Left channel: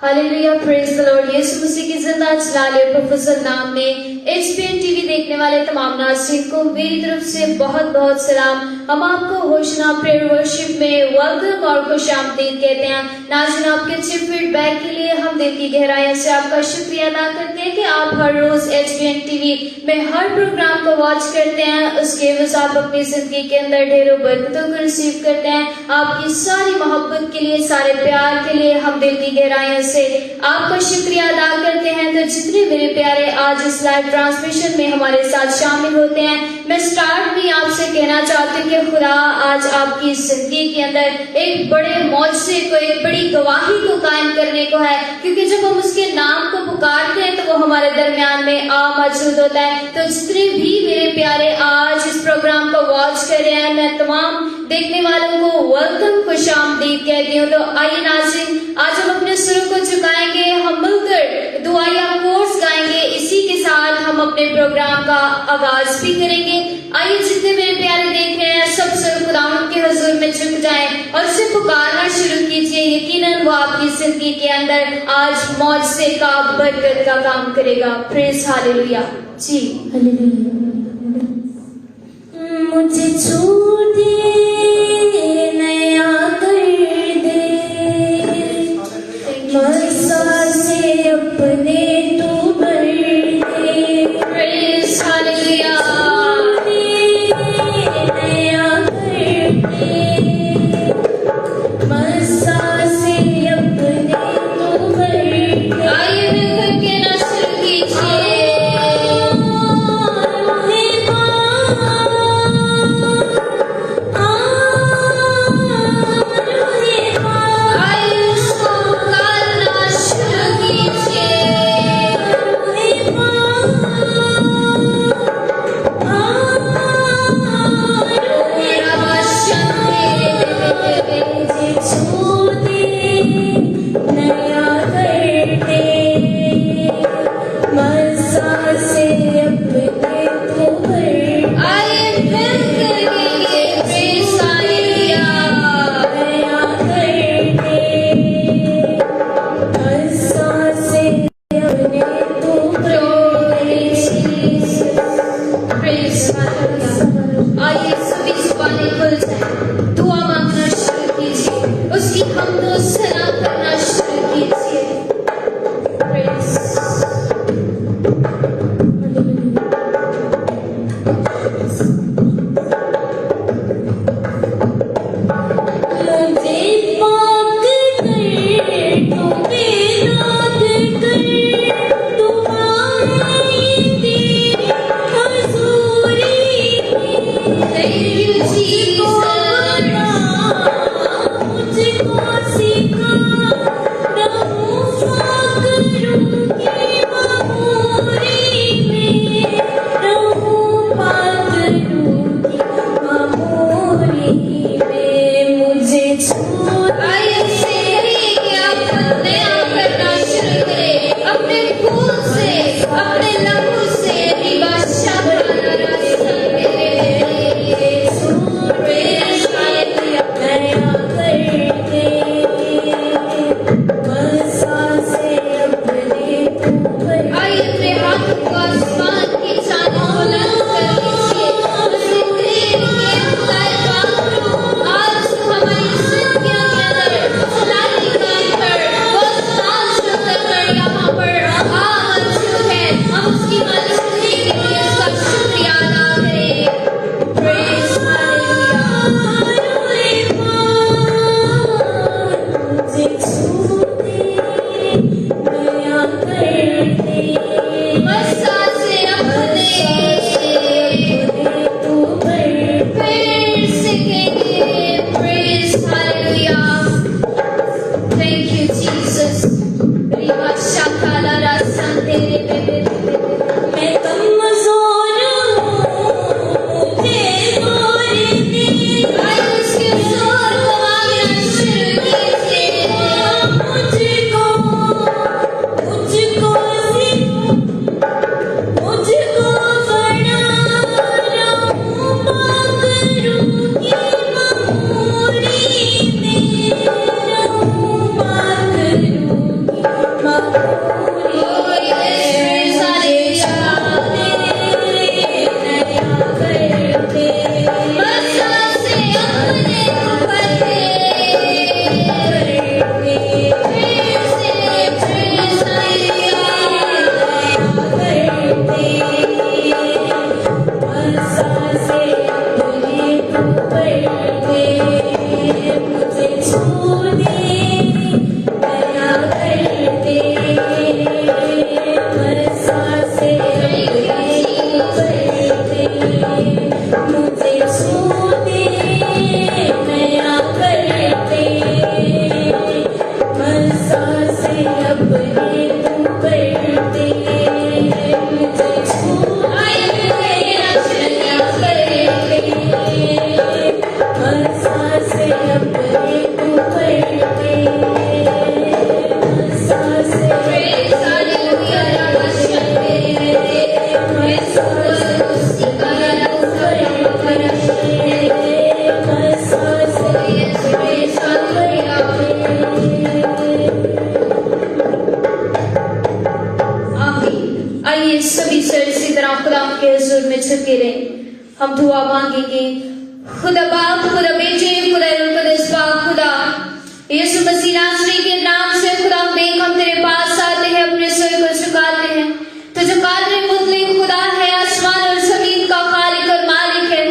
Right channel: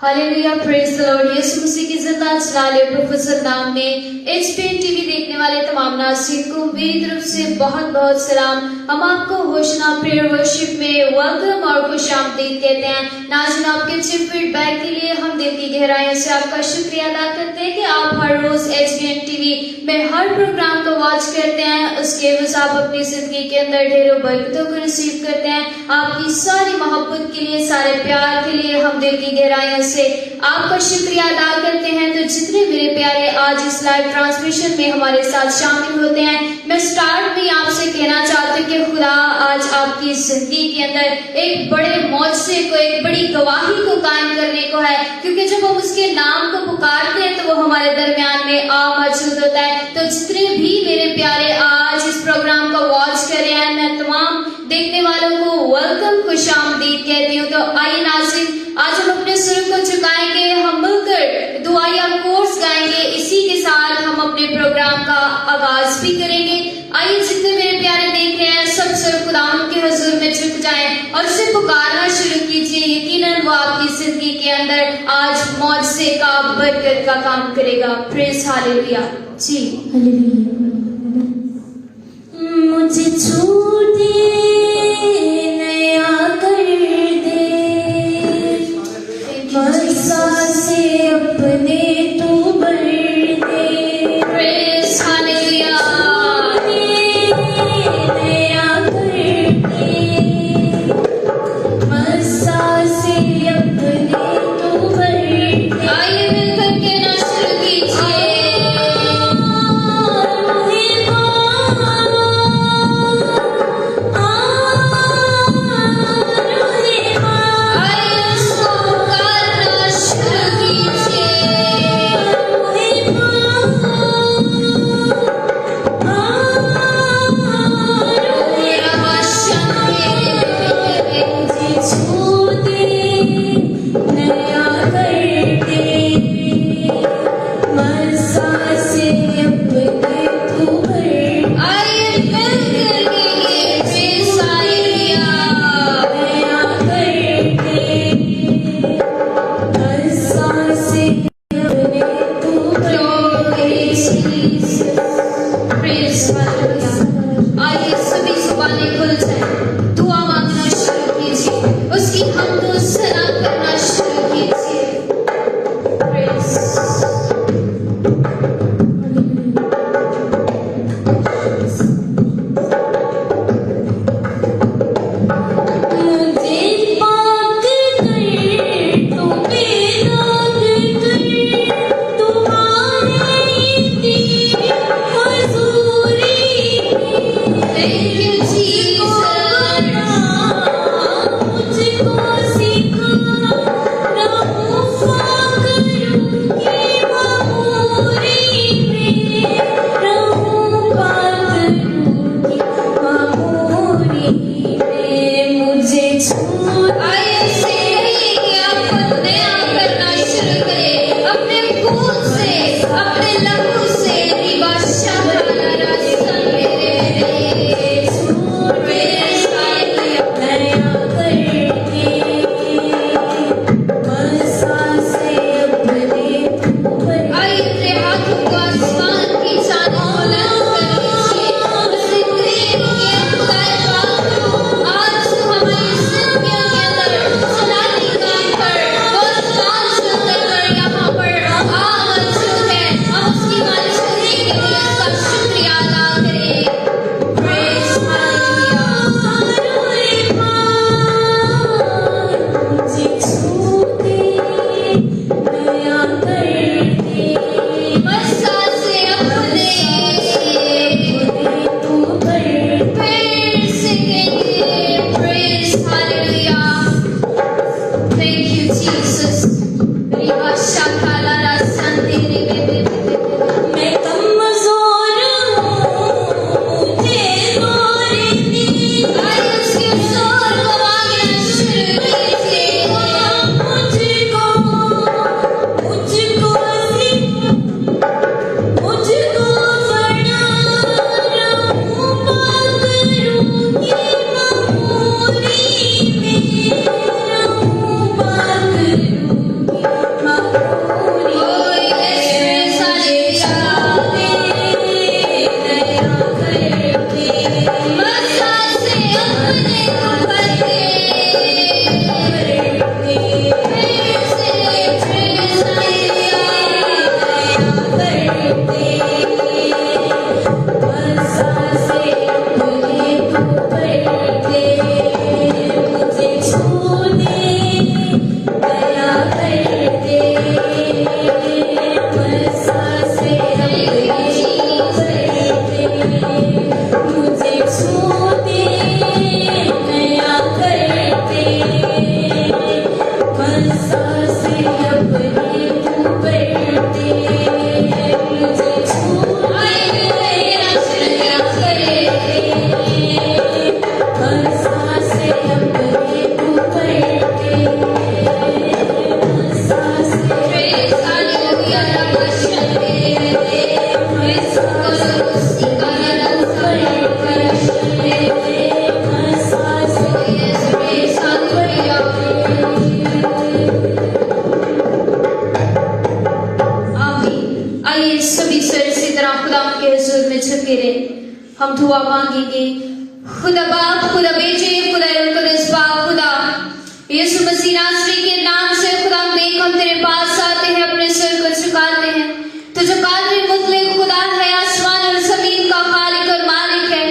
Hallelujah, praise the lord. Yeshu Masih की जिंदा जलाले professor नाम में एचपीएन टीवी देखने वाले तमाम नाज़रीन को मेरी तरफ से बहुत बहुत सलाम। हम आपको होशना प्रेयर वर्शिप में वेलकम और खुशामदीद कहते हैं। नाज़रीन, आपके अच्छे फीडबैक के लिए हम दिल की गहराइयों से आपका शुक्रिया अदा करते हैं कि आप हर रोज एचपीएन टीवी में हर प्रोग्राम को वॉच करते हैं। उसके बस आप अपनी जिंदगी के अंदर ढेरों बरकतों को रिसीव करते हैं। आपकी सारी मोहब्बत के लिए, सारे प्यार के लिए हम दिल की गहराइयों से आपका शुक्रिया अदा करते हैं। तो जितने मेरे प्यारे आज इस लाइव ट्रांसमिशन में हमारे साथ शामिल होते हैं, मैं स्टार्ट भी आपसे कहना चाहती हूँ कि खुदा आज आपकी जिंदगी के अंदर एक बड़े मौजज़े को, एक बड़ी गवाही को कायम करने को है, क्योंकि जब हम उसके नाम को पुकारते हैं तो वो हमारे दरमियान में मौजूद होता है। तो जितने भी मेरे प्यारे आज इस प्रोग्राम को वॉच कर रहे हैं, मैं तमाम देखने वालों को वेलकम, खुशामदीद कहती हूँ। तो आइए नाज़रीन, आज हम अपने सुरों को झुकाएंगे, हम मिलकर दुआया कोर्स गाएंगे। इसी के साथ हम अपने प्रोग्राम का आगाज भी करेंगे। आइए जितने मेरे प्यारे देख रहे हैं, सब सुर खुदावंद के हुजूर में झुक जाएं और उसे पुकारना शुरू कीजिए। यकीनन वो आपकी जिंदगी के अंदर आज मौजज़े का, बरकत का काम करेगा। प्रेज हालेलुया जी। मुझे छू दे, नया कर दे, बरसा से अपने तू भर दे। Praise hallelujah. नया कर दे, बरसा से अपने तू भर दे। आइए मिलकर कहना शुरू कीजिए। आइए सभी सर इसी तरह खुदा के हुजूर में झुके रहे। हम दुआ मांगेंगे। खुदा बाप, खुदा बेटे, खुदा कुदस पाक, खुदा यीशु मसीह नासरी के नाम से खुदा देख हम तेरे पास आते हैं, अपने सिर को झुकाते हैं। तू जो कादिर मुतलक खुदा है, आसमान और जमीन का खालिक और मालिक है।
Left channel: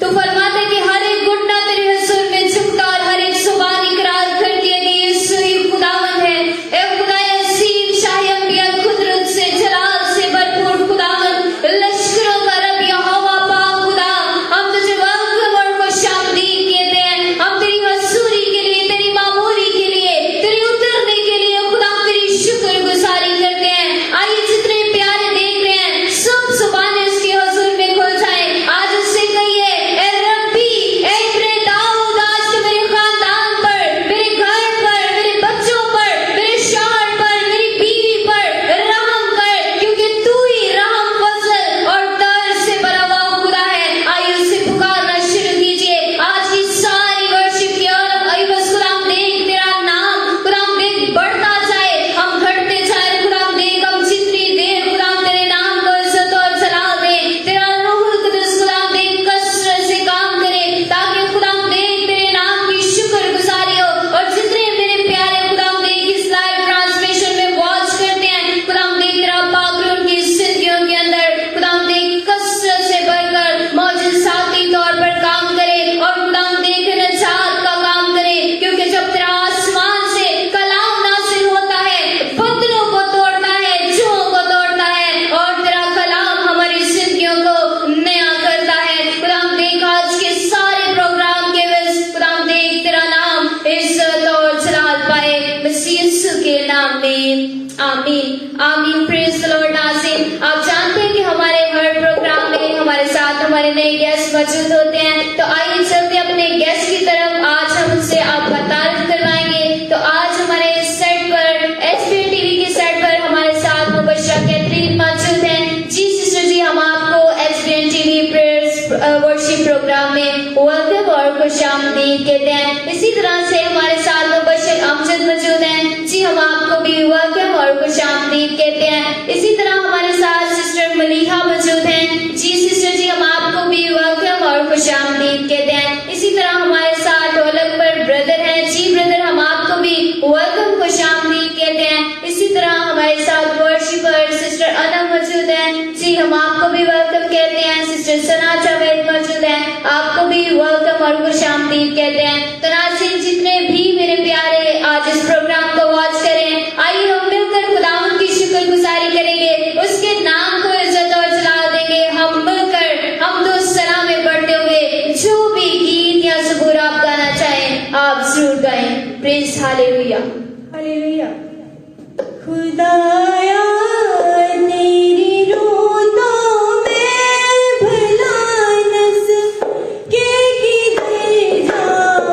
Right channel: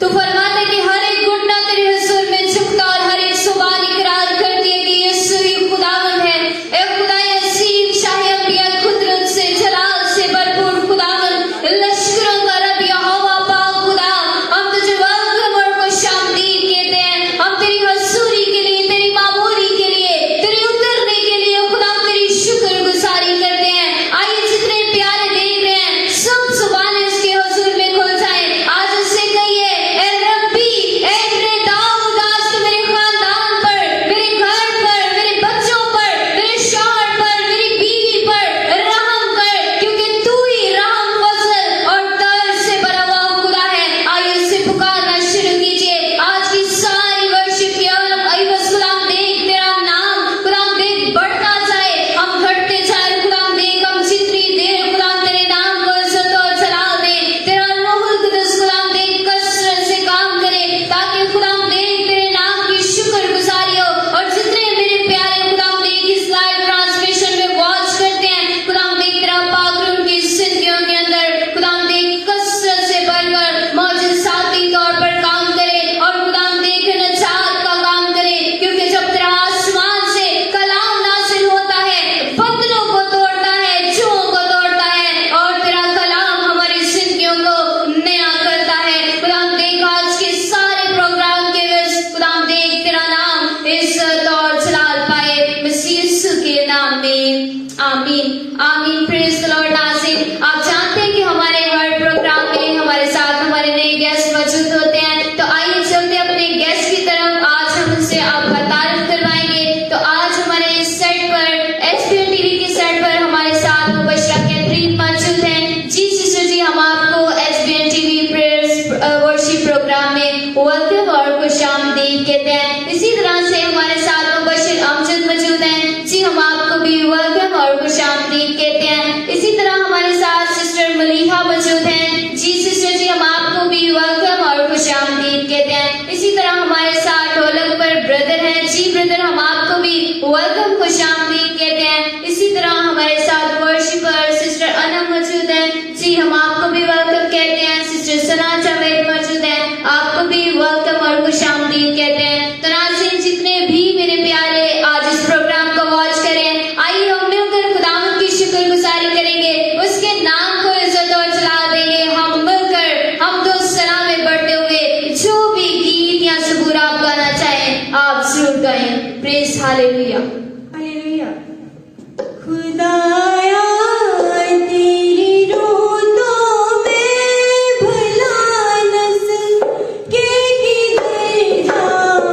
तू फरमाता कि हर एक घुटना तेरे हुजूर में झुकता और हर एक जुबान इकरार करती है कि यीशु ही खुदावन है। ए खुदा अजीम, शाही अंबिया, कुदरत से, जलाल से भरपूर खुदावन, लश्करों का रब यहोवा पाक खुदा, हम तुझे वेलकम और खुशामदीद कहते हैं। हम तेरी हजूरी के लिए, तेरी मामूरी के लिए, तेरे उतरने के लिए खुदा तेरी शुक्रगुजारी करते हैं। आइए जितने प्यारे देख रहे हैं, सब जुबानें उसके हुजूर में खुल जाएं। आज उससे कहिए, ए रब्बी, ए तेरे दाऊद, आज तू मेरे खानदान पर, मेरे घर पर, मेरे बच्चों पर, मेरे शौहर पर, मेरी बीवी पर रहम कर, क्योंकि तू ही रहम, फजल और दर्द से भरा हुआ खुदा है। आइए उससे पुकारना शुरू कीजिए। आज की सारी वर्शिप की और अय्यूब खुदा हम देख तेरा नाम खुदा हम देख बढ़ता जाए, हम घटते जाए खुदा हम देख, हम जितनी देर खुदा हम तेरे नाम को इज्जत और जलाल दें, तेरा रूहुल कुद्दुस खुदा हम देख कसरत से काम करे, ताकि खुदा हम देख तेरे नाम की शुक्रगुजारी हो। और जितने मेरे प्यारे खुदा हम देख इस लाइव ट्रांसमिशन में वॉच करते हैं, खुदा हम देख तेरा पाक उनकी जिंदगियों के अंदर खुदा हम देख कसरत से भरकर मौजज़ाती तौर पर काम करे और खुदा हम देख निजात का काम करे, क्योंकि जब तेरा आसमान से कलाम नाज़िल होता है, बदलों को तोड़ता है, जुओं को तोड़ता है और तेरा कलाम हमारी जिंदगियों को नया करता है। खुदा हम देख आज के सारे प्रोग्राम के वजह खुदा हम देख तेरा नाम इज्जत और जलाल पाए, मसीह यीशु के नाम में आमीन आमीन। Praise the Lord. नाज़रीन, आप जानते हैं कि हमारे हर प्रोग्राम में हमारे साथ हमारे नए गेस्ट मौजूद होते हैं। तो आइए चलते अपने गेस्ट की तरफ। आज हम उनसे आपका तारुफ करवाएंगे। तो आज हमारे इस सेट पर एचपीएन टीवी की सेट पर हमारे साथ मुबश्शरा कैथरीन मौजूद हैं। जी सिस्टर जी, हम आपको एचपीएन टीवी प्रेयर्स वर्शिप प्रोग्राम में वेलकम और खुशामदीद कहते हैं। इसी तरह से हमारे साथ मुबश्शिर अमजद मौजूद हैं। जी, हम आपको भी वेलकम और खुशामदीद कहते हैं। इसी तरह हमारे साथ सिस्टर मलीहा मौजूद हैं। जी सिस्टर जी, हम आपको भी वेलकम और खुशामदीद कहते हैं। इसी तरह हमारे साथ ढोलक पर ब्रदर हैं। जी ब्रदर, हम आपको भी वेलकम खुशामदीद कहते हैं। इसी तरह हमारे साथ वर्शिपर सिस्टर अनम मौजूद हैं। जी, हम आपको भी वेलकम कहते हैं। सिस्टर सना जावेद मौजूद हैं, आपको भी वेलकम और खुशामदीद कहते हैं। तो नाज़रीन, जितने भी मेरे प्यारे आज इस प्रोग्राम को वॉच करें, आइए हम मिलकर खुदावंद की शुक्रगुजारी करेंगे, उसके नाम को इज्जत और जलाल देंगे। हम मिलकर हम दो सलाम में बढ़ते हुए जो भी गीत या ज़बूर आप गाना चाहें, आप जरूर गाएं। Praise hallelujah. हालेलुया। खुदाया तेरी रोतों में भला नस के किधर जाऊं,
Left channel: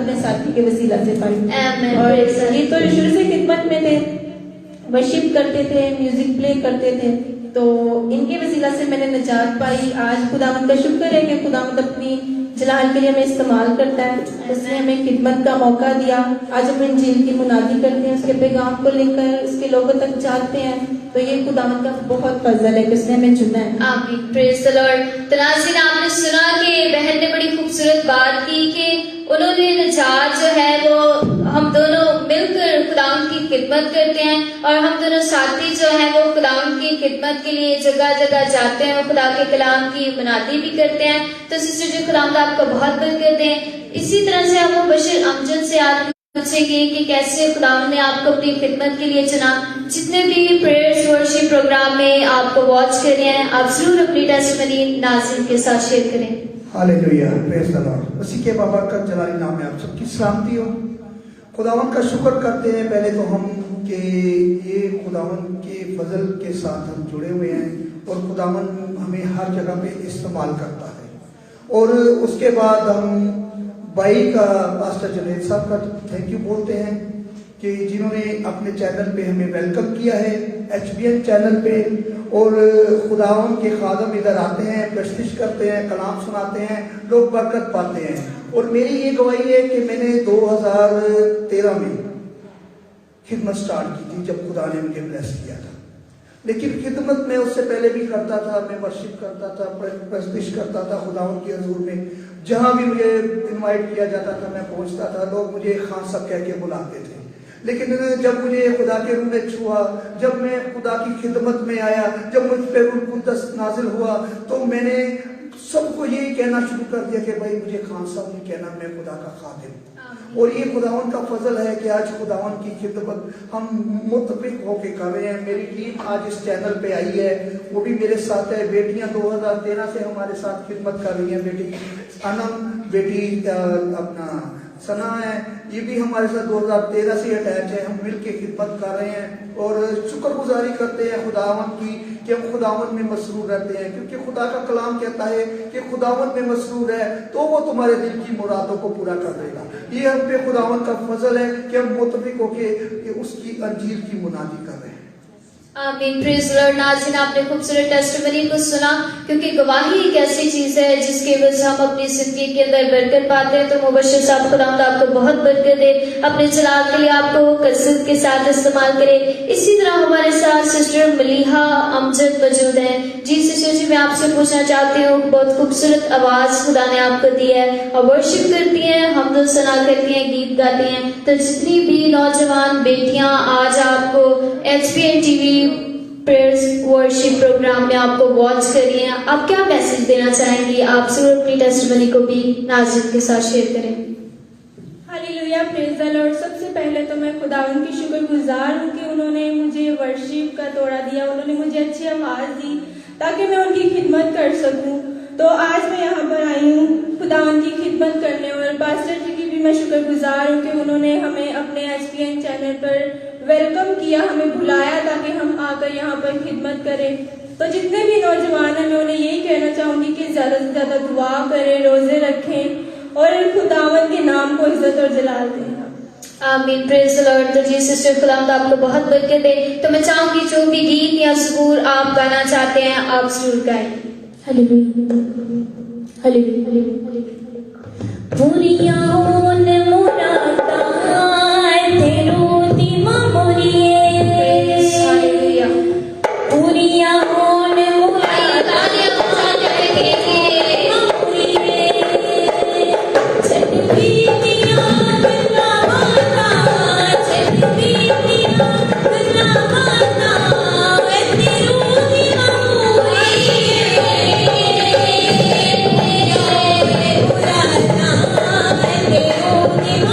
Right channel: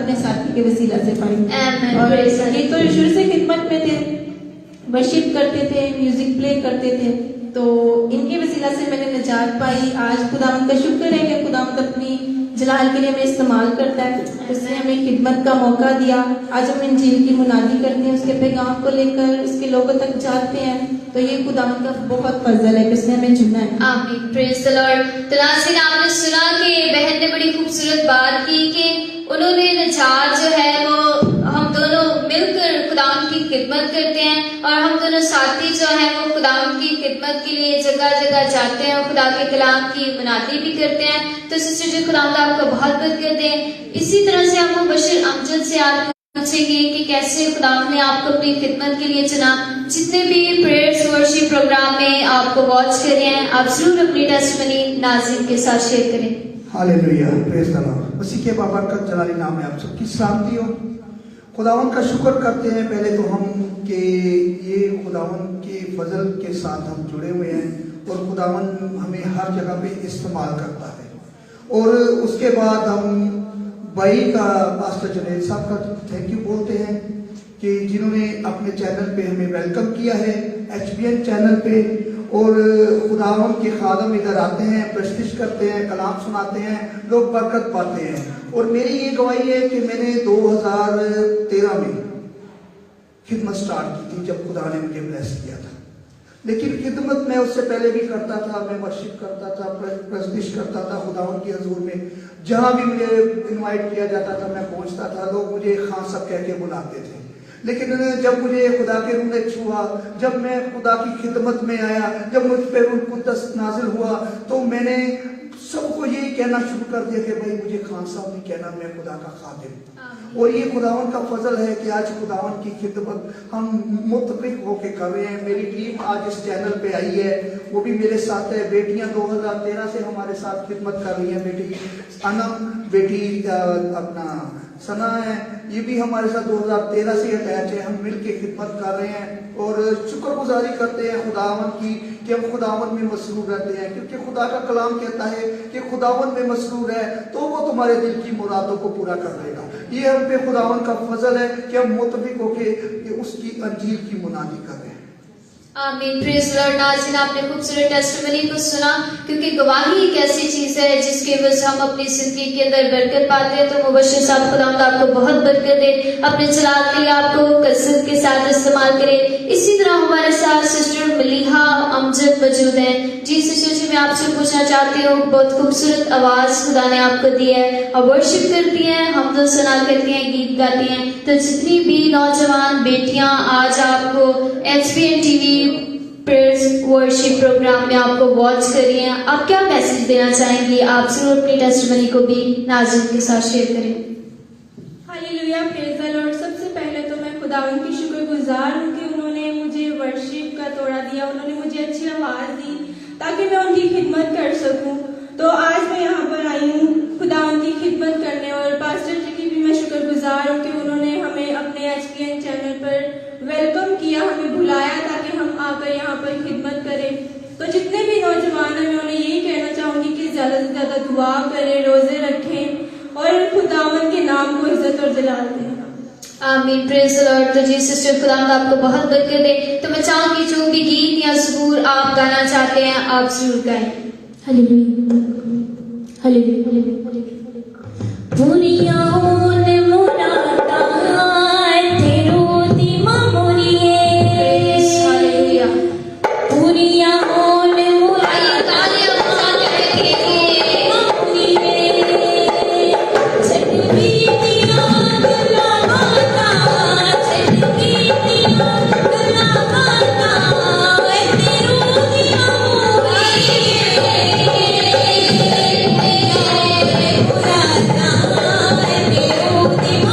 अपने साथी के वसीला से पढ़ी। Amen. और Praise the ये तो शुरू से खिदमत में थे, वर्शिप करते थे, म्यूजिक प्ले करते थे, तो इनके वसीला से मैंने निजात पाई। आज खुदावंद का शुक्र है कि खुदावंद अपनी जलाल के लिए हमें इस्तेमाल करता है, उसने हमें खिदमत का मौका दिया। आज हम इंजील की मुनादी करते हैं, उसके पैगाम को लेकर उसके लोगों तक जाते हैं, तो ये खुदावंद का बहुत फजल है कि उसने हमें चुना है। आमीन, प्रेज द लॉर्ड। तो नाज़रीन, आपने सुना कि बहन ने बड़ी खूबसूरत बात की कि उन्होंने निजात जो है वो हम दोनों मिलकर खुदावंद की खिदमत करते हैं, और हम दोनों साथी जो हैं वो खुदावंद की खिदमत के लिए जगह जगह जाते हैं और खुदा के कलाम की मुनादी भी करते हैं। तो सिस्टर जी, खुदावंद आपको बहुत बरकत दे। इसी तरह से आप बशीर अमजद से आप पूछेंगे कि कैसे खुदावंद ने आपको अपनी खिदमत के लिए चुना। जितने भी प्रेयर्स वर्शिप प्रोग्राम में आपको वॉच कर रहे हैं, आप जरूर अपनी टेस्टमनी नाज़रीन के साथ शेयर करें। Hallelujah, praise the Lord. उसी के बाबरकत जलाली नाम में आप सबकी सलामती हो। खुदावंद का शुक्र करते हैं पहले तो हम कि ये खुदावंद के फजल के साथ हम जुड़े हुए हैं और खुदावंद हमें हर जगह पे इस्तेमाल करता है। और उसके बाद हम भाई का पास्टर जुनैद साहब का थैंक यू बोलते हैं कि जिन्होंने अपने चैनल पे हमें वेलकम किया है, HBN चैनल पे। और खुदावंद के खादम इधर आते हैं, प्रस्तुत करते हैं, कलाम सुनाते हैं, लोग बरकत पाते हैं। और मेरी ये गवाही है कि मैंने 2013 में खिदमत स्टार्ट की थी जब खुदा ने मुझे ब्लेस किया था। लेकिन खिदमत मैं उससे पहले भी करता था, मैं वर्शिप करता था, प्रस्तुत करता था खुदावंद के हुजूर में। जहां भी मुझे इनवाइट किया जाता था मैं पहुंचता था, लोग मुझे खान साहब कह के बुलाते थे। लेकिन जब मुझे खुदा के रूह ने छुआ, जब मैं खुदा की खिदमत में आया, जब मुझ पे रूह कुद्दस नाजिल हुआ, तो मैंने सबको यही कहना शुरू कर दिया कि भाई मुझे खान साहब नहीं कहना, मैं खुदा का खादिम। और ये खुदावन का फजल है कि आज खुदावन की खिदमत हम मुतफिक होके कर रहे हैं। मेरी टीम आज इस चैनल पे आई है, वो भी मेरे साथ है। बेटियां 2013 से हमारे साथ खिदमत कर रही हैं। बेटी अनम, बेटी अपना सना है, ये भी हमारे साथ 2013 से अटैच है। हम मिलके खिदमत कर रहे हैं और शुक्रगुजारी करते हैं खुदावन की कि हम खुदावन में मसरूर रहते हैं, क्योंकि खुदा का कलाम कहता है कि खुदावन में मसरूर है तो वो तुम्हारे दिल की मुरादों को पूरा कर देगा। ये हम पे खुदावन का फजल है कि हम मुतफिक होके उसकी अंजीर की मुनादी कर रहे हैं। आमीन, प्रेज द लॉर्ड। नाज़रीन, आपने खूबसूरत टेस्टिमनी को सुना, क्योंकि गवाही एक ऐसी चीज है जिसके वजह से हम अपनी जिंदगी के अंदर बरकत पाते हैं। तो मुबश्शिर साहब खुदावंद आपको बहुत बरकत दे, अपने चराग के लिए आपको कसरत के साथ इस्तेमाल करे। इसी तरह हमारे साथ सिस्टर मलीहा अमजद मौजूद है। जी सिस्टर जी, मैं आपसे पूछना चाहती हूँ, बहुत खूबसूरत आवाज खुदा ने आपको दी है और वर्शिप करती है, हम तो सुना करती हैं, गीत गाती हैं। तो जितनी भी नौजवान बेटियां आज आपको HBN TV prayers worship program में आपको वॉच कर रही हैं, आप क्या मैसेज देना चाहेंगी? आप जरूर अपनी टेस्टिमनी को भी नाज़रीन के साथ शेयर करें। Hallelujah, praise the Lord. सबसे पहले तो मैं खुदावंद की शुक्रगुजार हूँ कि उन्होंने मुझे वर्शिप का तोड़ा दिया, उन्होंने मुझे अच्छी आवाज दी ताकि मैं उनकी खिदमत कर सकूं। तो आज मैं यहाँ पर आई हूँ खुदावंद की खिदमत करने, और पास्टर जी की भी मैं शुक्रगुजार हूँ कि उन्होंने हमें अपने HBN चैनल पर वेलकम किया, हमें बुलाया ताकि हम आकर यहाँ पर खिदमत करें। तो जितने भी नौजवान हैं, मैं उन्हें यही कहना चाहूंगी कि ज्यादा से ज्यादा दुआ करें, रोजे रखें और खुदावंद के नाम को इज्जत और जलाल दें। आमीन, प्रेज द लॉर्ड। तो जी सिस्टर, खुदावंद आपको बहुत बरकत दे। तो मैं चाहूंगी जो भी गीत या ज़बूर आप गाना चाहते हैं आप जरूर गाएं। Hallelujah, hallelujah. दुनिया ने मुरादा है तेरू दीमा मोरिए, हालेलुया। दुनिया ने Thank you.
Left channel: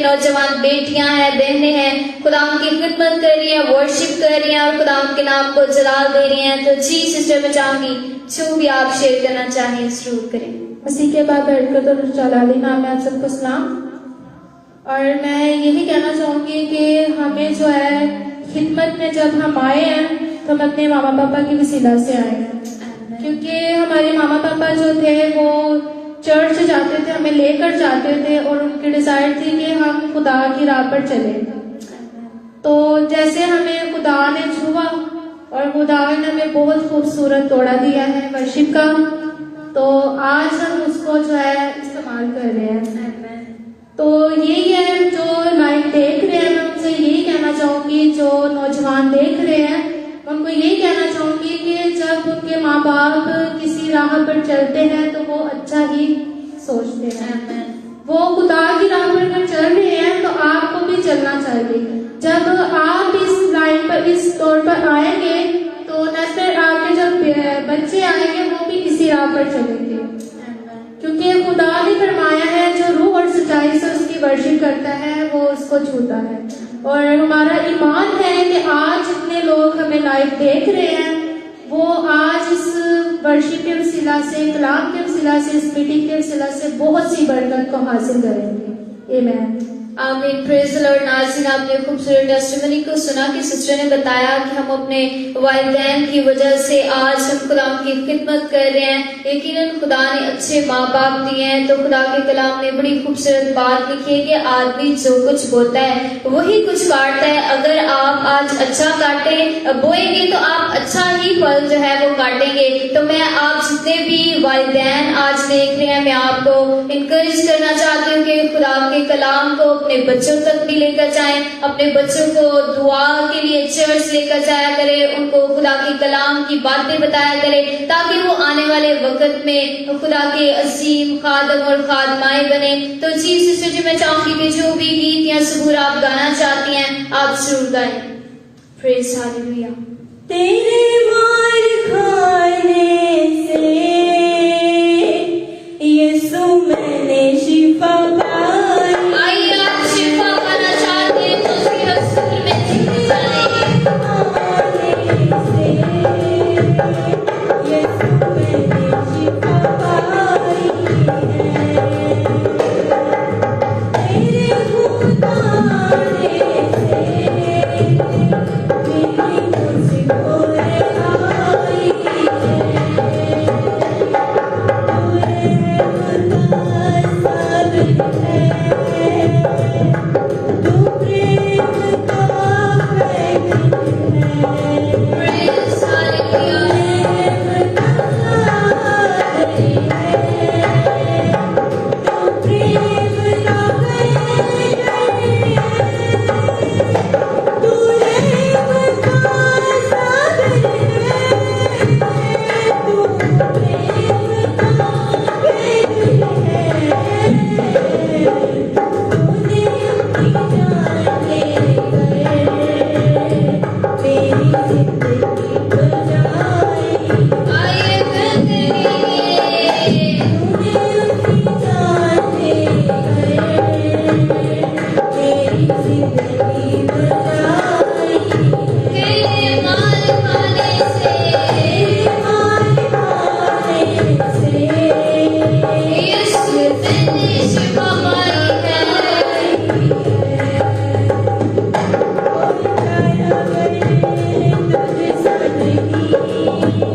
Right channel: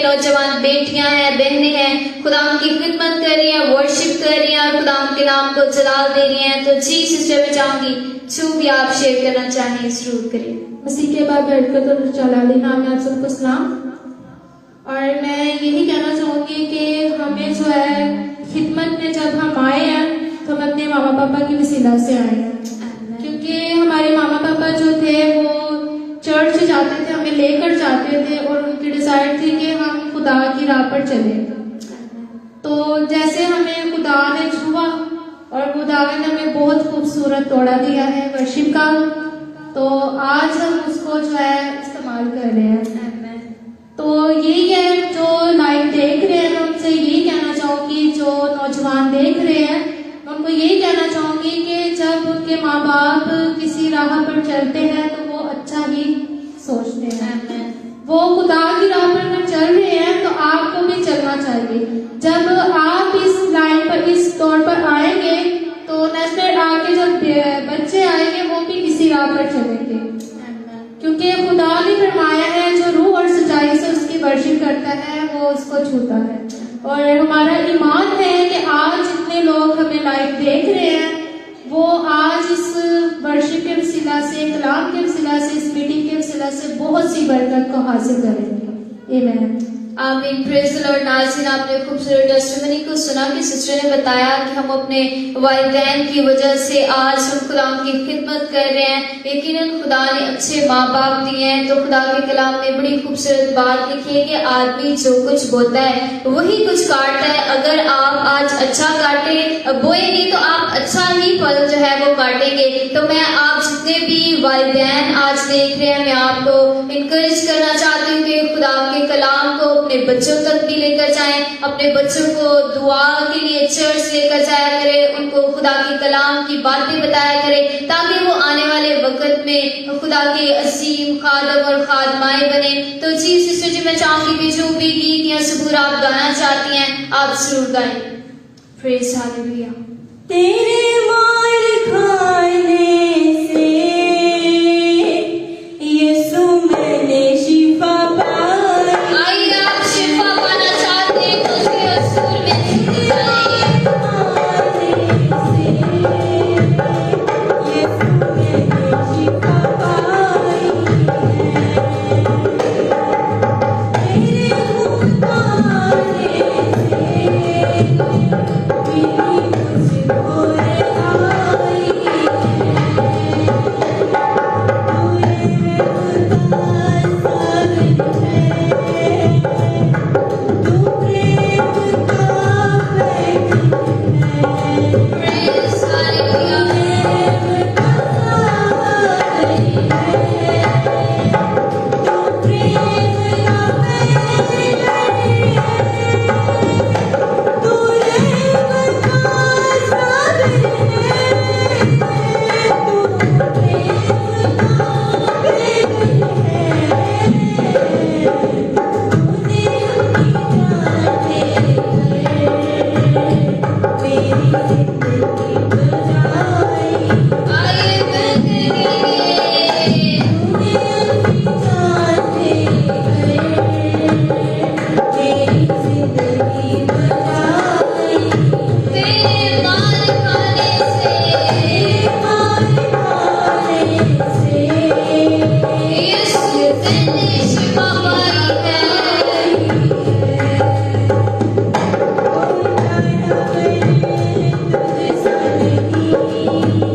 नौजवान बेटियां हैं, बहनें हैं, खुदा की खिदमत कर रही हैं, वर्शिप कर रही हैं और खुदा के नाम को जलाल दे रही हैं। तो जी सिस्टर मैं चाहूंगी जो भी आप शेयर करना चाहें जरूर करें। मसीह के बाद बैठकर तो जलाली नाम में आप सबको सलाम। और मैं यही कहना चाहूंगी कि हमें जो है खिदमत में जब हम आए हैं तो हम अपने मामा पापा की वसीला से आए हैं, क्योंकि हमारे मामा पापा जो थे वो चर्च जाते थे, हमें लेकर जाते थे और उनकी डिजायर थी कि हम खुदा की राह पर चले। तो जैसे हमें खुदा ने छुआ और खुदा ने हमें बहुत खूबसूरत तोड़ा दिया है वर्शिप का, तो आज हम उसको जो है इस्तेमाल कर रहे हैं। तो यही है जो लाइव देख रहे हैं, उनसे यही कहना चाहूंगी, जो नौजवान देख रहे हैं उनको यही कहना चाहूंगी कि जब उनके माँ बाप किसी राह पर चलते हैं तो वो अच्छा ही सोचते हैं। वो खुदा की राह पर चल रहे हैं तो आपको भी चलना चाहिए। जब आप इस लाइन पर, इस दौर पर आएंगे तो नेक्स्ट आगे जब बच्चे आएंगे वो भी किसी राह पर चलेंगे, क्योंकि खुदा ने फरमाया है जो रूह और सच्चाई से उसकी करता है वो उसको छूता है। और हमारा ईमान है कि आज जितने लोग हमें लाइव देख रहे हैं वो आज इस वर्शिप के वसीला से, कलाम के वसीला से, इस मीटिंग के वसीला से बहुत सी बरकत को हासिल करेंगे। आमीन। आमीन। Praise the Lord. नाज़रीन, आपने खूबसूरत टेस्टिमनी को सुना कि सिस्टर ने बताया कि हम अपने वालिदैन की वजह से आज हम कलाम की खिदमत कर रहे हैं। यकीनन खुदा ने अच्छे माँ बाप दिए हैं। तो खुदा के कलाम में बड़ी खूबसूरत बात लिखी है कि आदमी जो कुछ बोता है वही कुछ काटता है। अगर आप आज अच्छा बोएंगे तो आप अच्छा ही फल जो है वो काटेंगे। तो मैं आप जितने भी वालिदैन आज देख रहे हैं, मैं आपको इनकरेज करना चाहती हूँ कि खुदा के कलाम को अपने बच्चों तक भी लेकर जाएं। अपने बच्चों को दुआ के लिए चर्च लेकर जाया करें, उनको खुदा के कलाम की बातें बताया करें ताकि वो आने वाले वक्त में खुदा के अजीम खादम और खादमाएं बने। तो जी सिस्टर जी, मैं चाहूंगी कि जो भी गीत या सबूर आप गाना चाहती हैं आप जरूर गाएं। Praise hallelujah. तेरे मार खाने से यीशु मैंने शिफा पाई। आइए आप शिफा पाना चाहते हैं तो उसके रसूल में जुड़ जाएं। यीशु मैंने शिफा पाई तेरे खून बहाने से प्रेज हालेलुया।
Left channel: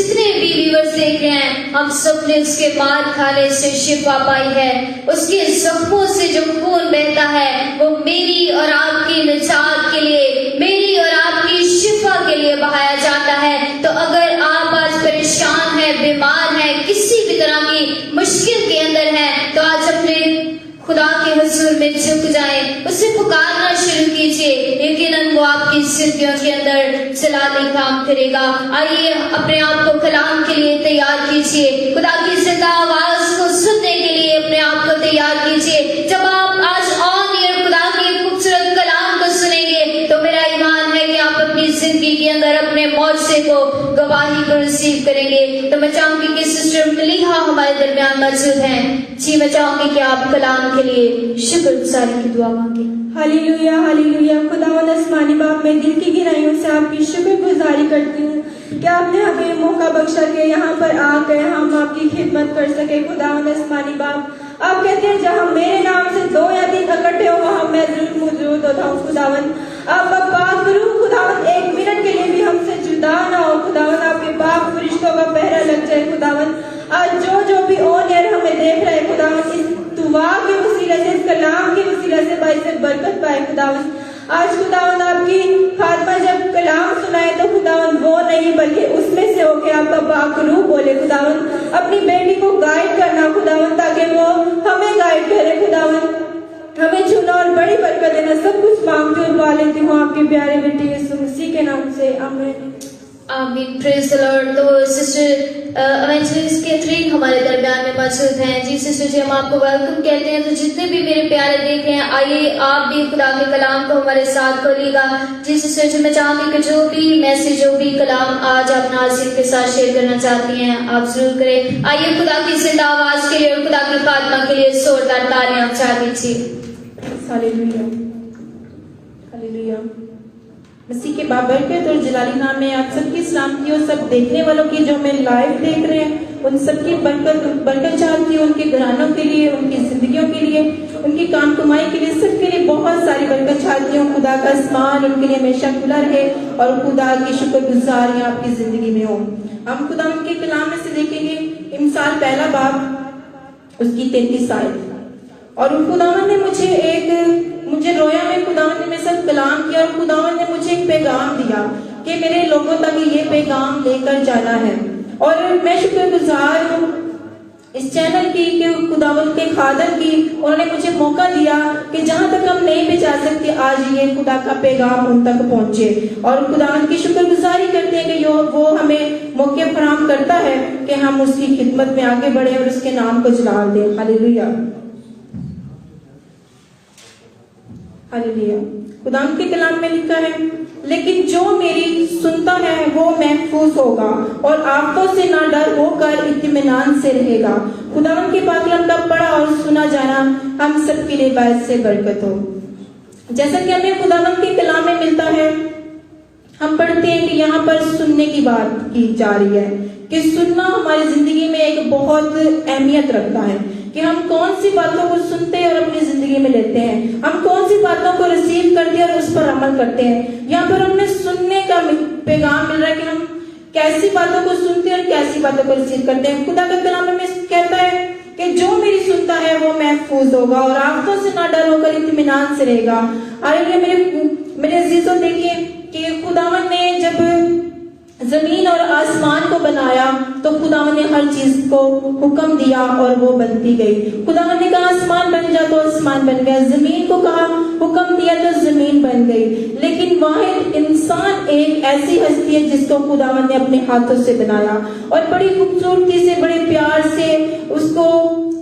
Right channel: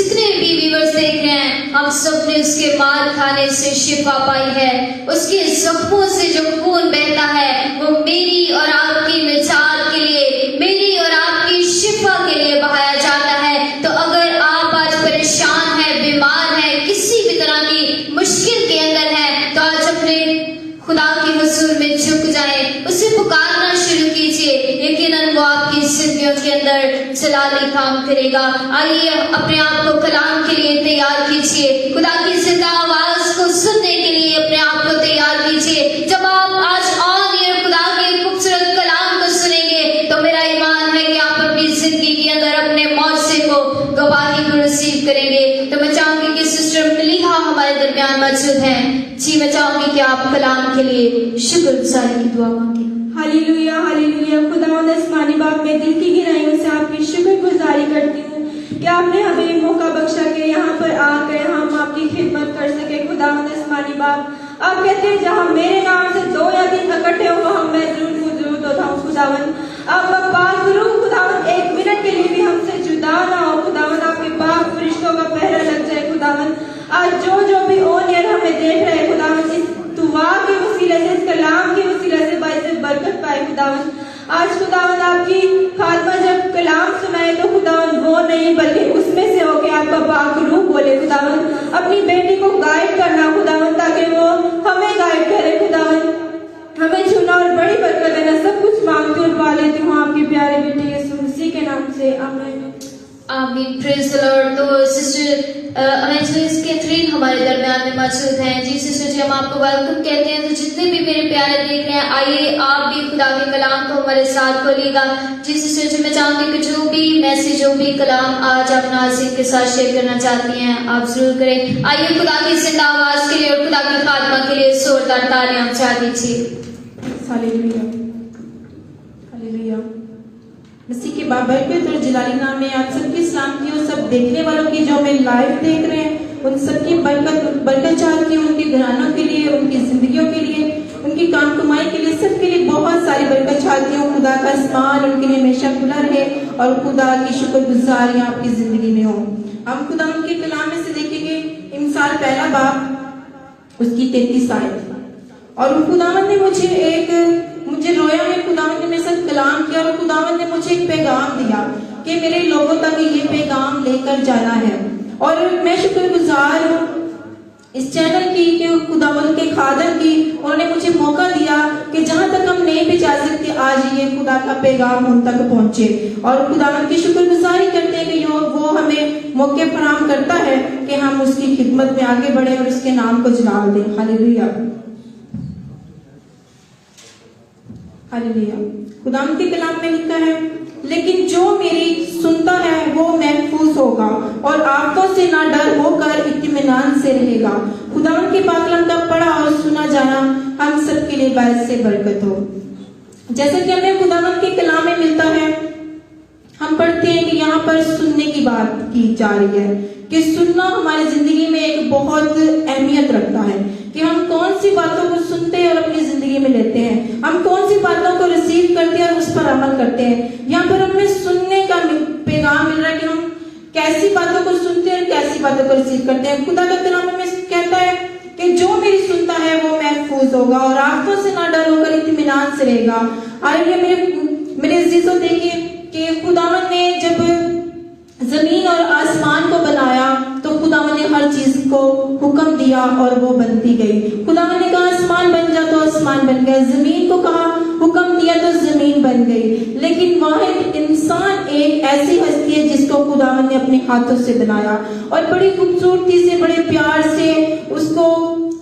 जितने भी व्यूअर्स देख रहे हैं, हम सब ने उसके मार खाने से शिफा पाई है। उसके जख्मों से जो खून बहता है वो मेरी और आपकी निजात के लिए, मेरी और आपकी शिफा के लिए बहाया जाता है। तो अगर आप आज परेशान है, बीमार है, किसी भी तरह की मुश्किल के अंदर है, तो आज अपने खुदा के हुजूर में झुक जाएं, उसे पुकारना शुरू कीजिए। यकीनन वो आपकी जिंदगियों के अंदर जलाली काम करेगा। आइए अपने आप को कलाम के लिए तैयार कीजिए, खुदा की जिंदा आवाज को सुनने के लिए अपने आप को तैयार कीजिए। जब आप आज ऑन एयर खुदा के खूबसूरत कलाम को सुनेंगे तो मेरा ईमान है कि आप अपनी जिंदगी के अंदर अपने मौजे को, गवाही को रिसीव करेंगे। तो मैं चाहूंगी कि सिस्टर मलीहा हमारे दरमियान मौजूद हैं। जी, मैं चाहूंगी कि आप कलाम के लिए शुक्रगुजारी की दुआ मांगे। Hallelujah, hallelujah. खुदावंद आसमानी बाप, मैं दिल की गहराइयों से आपकी शुक्रगुजारी करती हूँ कि आपने हमें मौका बख्शा के यहाँ पर आकर हम आपकी खिदमत कर सके। खुदावंद आसमानी बाप, आप कहते हैं जहाँ मेरे नाम से 2 या 3 इकट्ठे हो वहाँ मैं जरूर मौजूद होता हूँ। खुदावंद आपका पाक करूँ, खुदावंद 1 मिनट के लिए भी हमसे जुदा ना हो। खुदावंद आपके पाक फरिश्तों का पहरा लग जाए। खुदावंद आज जो भी ऑन एयर हमें देख रहे हैं, खुदावंद इस दुआ के वसीले से, इस कलाम के वसीले से भाई से बरकत पाए। खुदावंद आज खुदावंद आपकी फातिमा जब कलाम सुनाए तो खुदावंद वो नहीं बल्कि उसमें से होके आपका पाक रूह बोले। खुदावंद अपनी बेटी को गाइड करना खुदावंद, ताकि वो हमें गाइड करे। खुदावंद हमें चुना और बड़ी बरकत देना। सब कुछ मांगती और पा लेती हूँ आपके प्यारे बेटे यीशु मसीह के नाम से, आमीन। आमीन, प्रेज द लॉर्ड। तो सिस्टर एवेंजलिस्ट कैथरीन हमारे दरमियान में मौजूद हैं। जी सिस्टर जी, हम आपको वेलकम कहते हैं। तो जितने भी मेरे प्यारे देख रहे हैं, आइए आप भी खुदा के कलाम को हमारे साथ खोलिएगा। जी सिस्टर जी, मैं चाहूंगी कि जो भी मैसेज, जो भी कलाम आज आप नाज़रीन के साथ शेयर करना चाहती हैं, आप जरूर करें। आइए खुदा की जिंदा आवाज के लिए और खुदा की फातिमा के लिए जोरदार तालियां बजा दीजिए। Hallelujah, hallelujah. मसीह के बाबरकत और जलाली नाम में आप सबकी सलाम की और सब देखने वालों की जो हमें लाइव देख रहे हैं उन सबकी बरकत चाहती हूँ। उनके घरानों के लिए, उनकी जिंदगियों के लिए, उनकी काम कमाई के लिए, सबके लिए बहुत सारी बरकत चाहती हूँ। खुदा का आसमान उनके लिए हमेशा खुला रहे और खुदा की शुक्रगुजारियां आपकी जिंदगी में हो। हम खुदा उनके कलाम में से देखेंगे इमसाल 1 बाब उसकी 33 आयत। और खुदावन ने मुझे रोया में खुदावन ने मेरे साथ कलाम किया और खुदावन ने मुझे एक पैगाम दिया कि मेरे लोगों तक ये पैगाम लेकर जाना है। और मैं शुक्रगुजार हूँ इस चैनल की कि खुदावन के खादम की उन्होंने मुझे मौका दिया कि जहाँ तक हम नहीं पहुंचा सकते आज ये खुदा का पैगाम उन तक पहुंचे। और खुदावन की शुक्रगुजारी करते हैं कि वो हमें मौके फराहम करता है कि हम उसकी खिदमत में आगे बढ़े और उसके नाम को जलाल दें। Hallelujah, hallelujah. खुदावन के कलाम में लिखा है, लेकिन जो मेरी सुनता है वो महफूज होगा और आफतों से ना डर होकर इत्मीनान से रहेगा। खुदावन के पाकलाम का पढ़ा और सुना जाना हम सबके लिए बायस से बरकत हो। जैसा कि हमें खुदावन के कलाम में मिलता है, हम पढ़ते हैं कि यहाँ पर सुनने की बात की जा रही है कि सुनना हमारी जिंदगी में एक बहुत अहमियत रखता है कि हम कौन सी बातों को सुनते हैं और अपनी जिंदगी में लेते हैं, हम कौन सी बातों को रिसीव करते हैं और उस पर अमल करते हैं। यहाँ पर हमें सुनने का पैगाम मिल रहा है कि हम कैसी बातों को सुनते हैं और कैसी बातों को रिसीव करते हैं। खुदा का कलाम में कहता है कि जो मेरी सुनता है वो महफूज होगा और आंखों से ना डर होकर इत्मीनान से रहेगा। आइए मेरे अजीजों, देखिए कि खुदावन ने जब जमीन और आसमान को बनाया तो खुदावन ने हर चीज को हुक्म दिया और वो बनती गई। खुदावन ने कहा आसमान बन जा तो आसमान बन गया, जमीन को कहा हुक्म दिया तो जमीन बन गई। लेकिन वाहिद इंसान एक ऐसी हस्ती है जिसको खुदावन ने अपने हाथों से बनाया और बड़ी खूबसूरती से, बड़े प्यार से उसको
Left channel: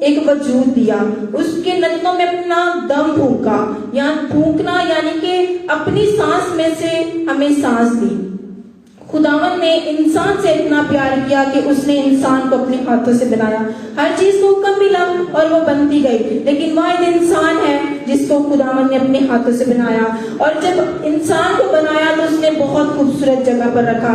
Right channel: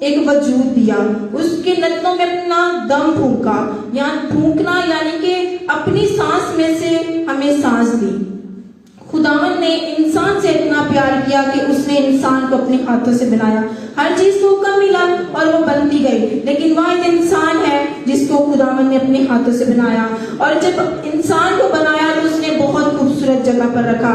एक वजूद दिया। उसके नथनों में अपना दम फूंका, या फूंकना यानी कि अपनी सांस में से हमें सांस दी। खुदावन ने इंसान से इतना प्यार किया कि उसने इंसान को अपने हाथों से बनाया। हर चीज को हुक्म मिला और वो बनती गई। लेकिन वाहिद इंसान है जिसको खुदावन ने अपने हाथों से बनाया। और जब इंसान को बनाया तो उसने बहुत खूबसूरत जगह पर रखा।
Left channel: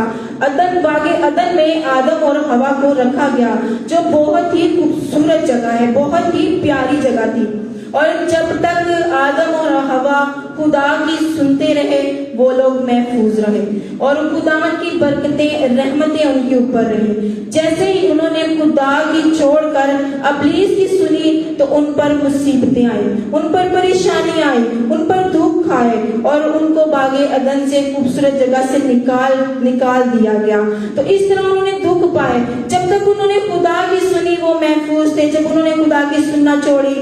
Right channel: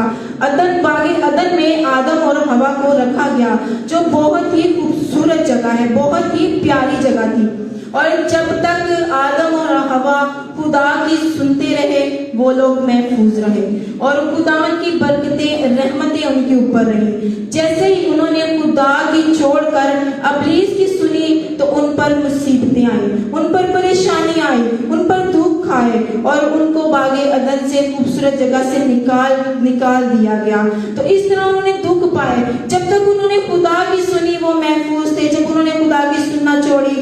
बागे अदन में आदम और हवा को रखा गया, जो बहुत ही खूबसूरत जगह है, बहुत ही प्यारी जगह थी। और जब तक आदम और हवा खुदा की सुनते रहे, वो लोग महफूज रहे और खुदावन की बरकतें रहमतें उनके ऊपर रही। जैसे ही उन्होंने खुदा की छोड़कर अबलीस की सुनी तो उन पर मुसीबतें आई, उन पर परेशानी आई, उन पर दुख आए और उनको बागे अदन से खूबसूरत जगह से निकाल दिया गया। तो इस तरह उन्होंने दुख पाए। जब तक उन्होंने खुदा की सुनी वो महफूज थे, जब उन्होंने खुदा की सुनना छोड़ी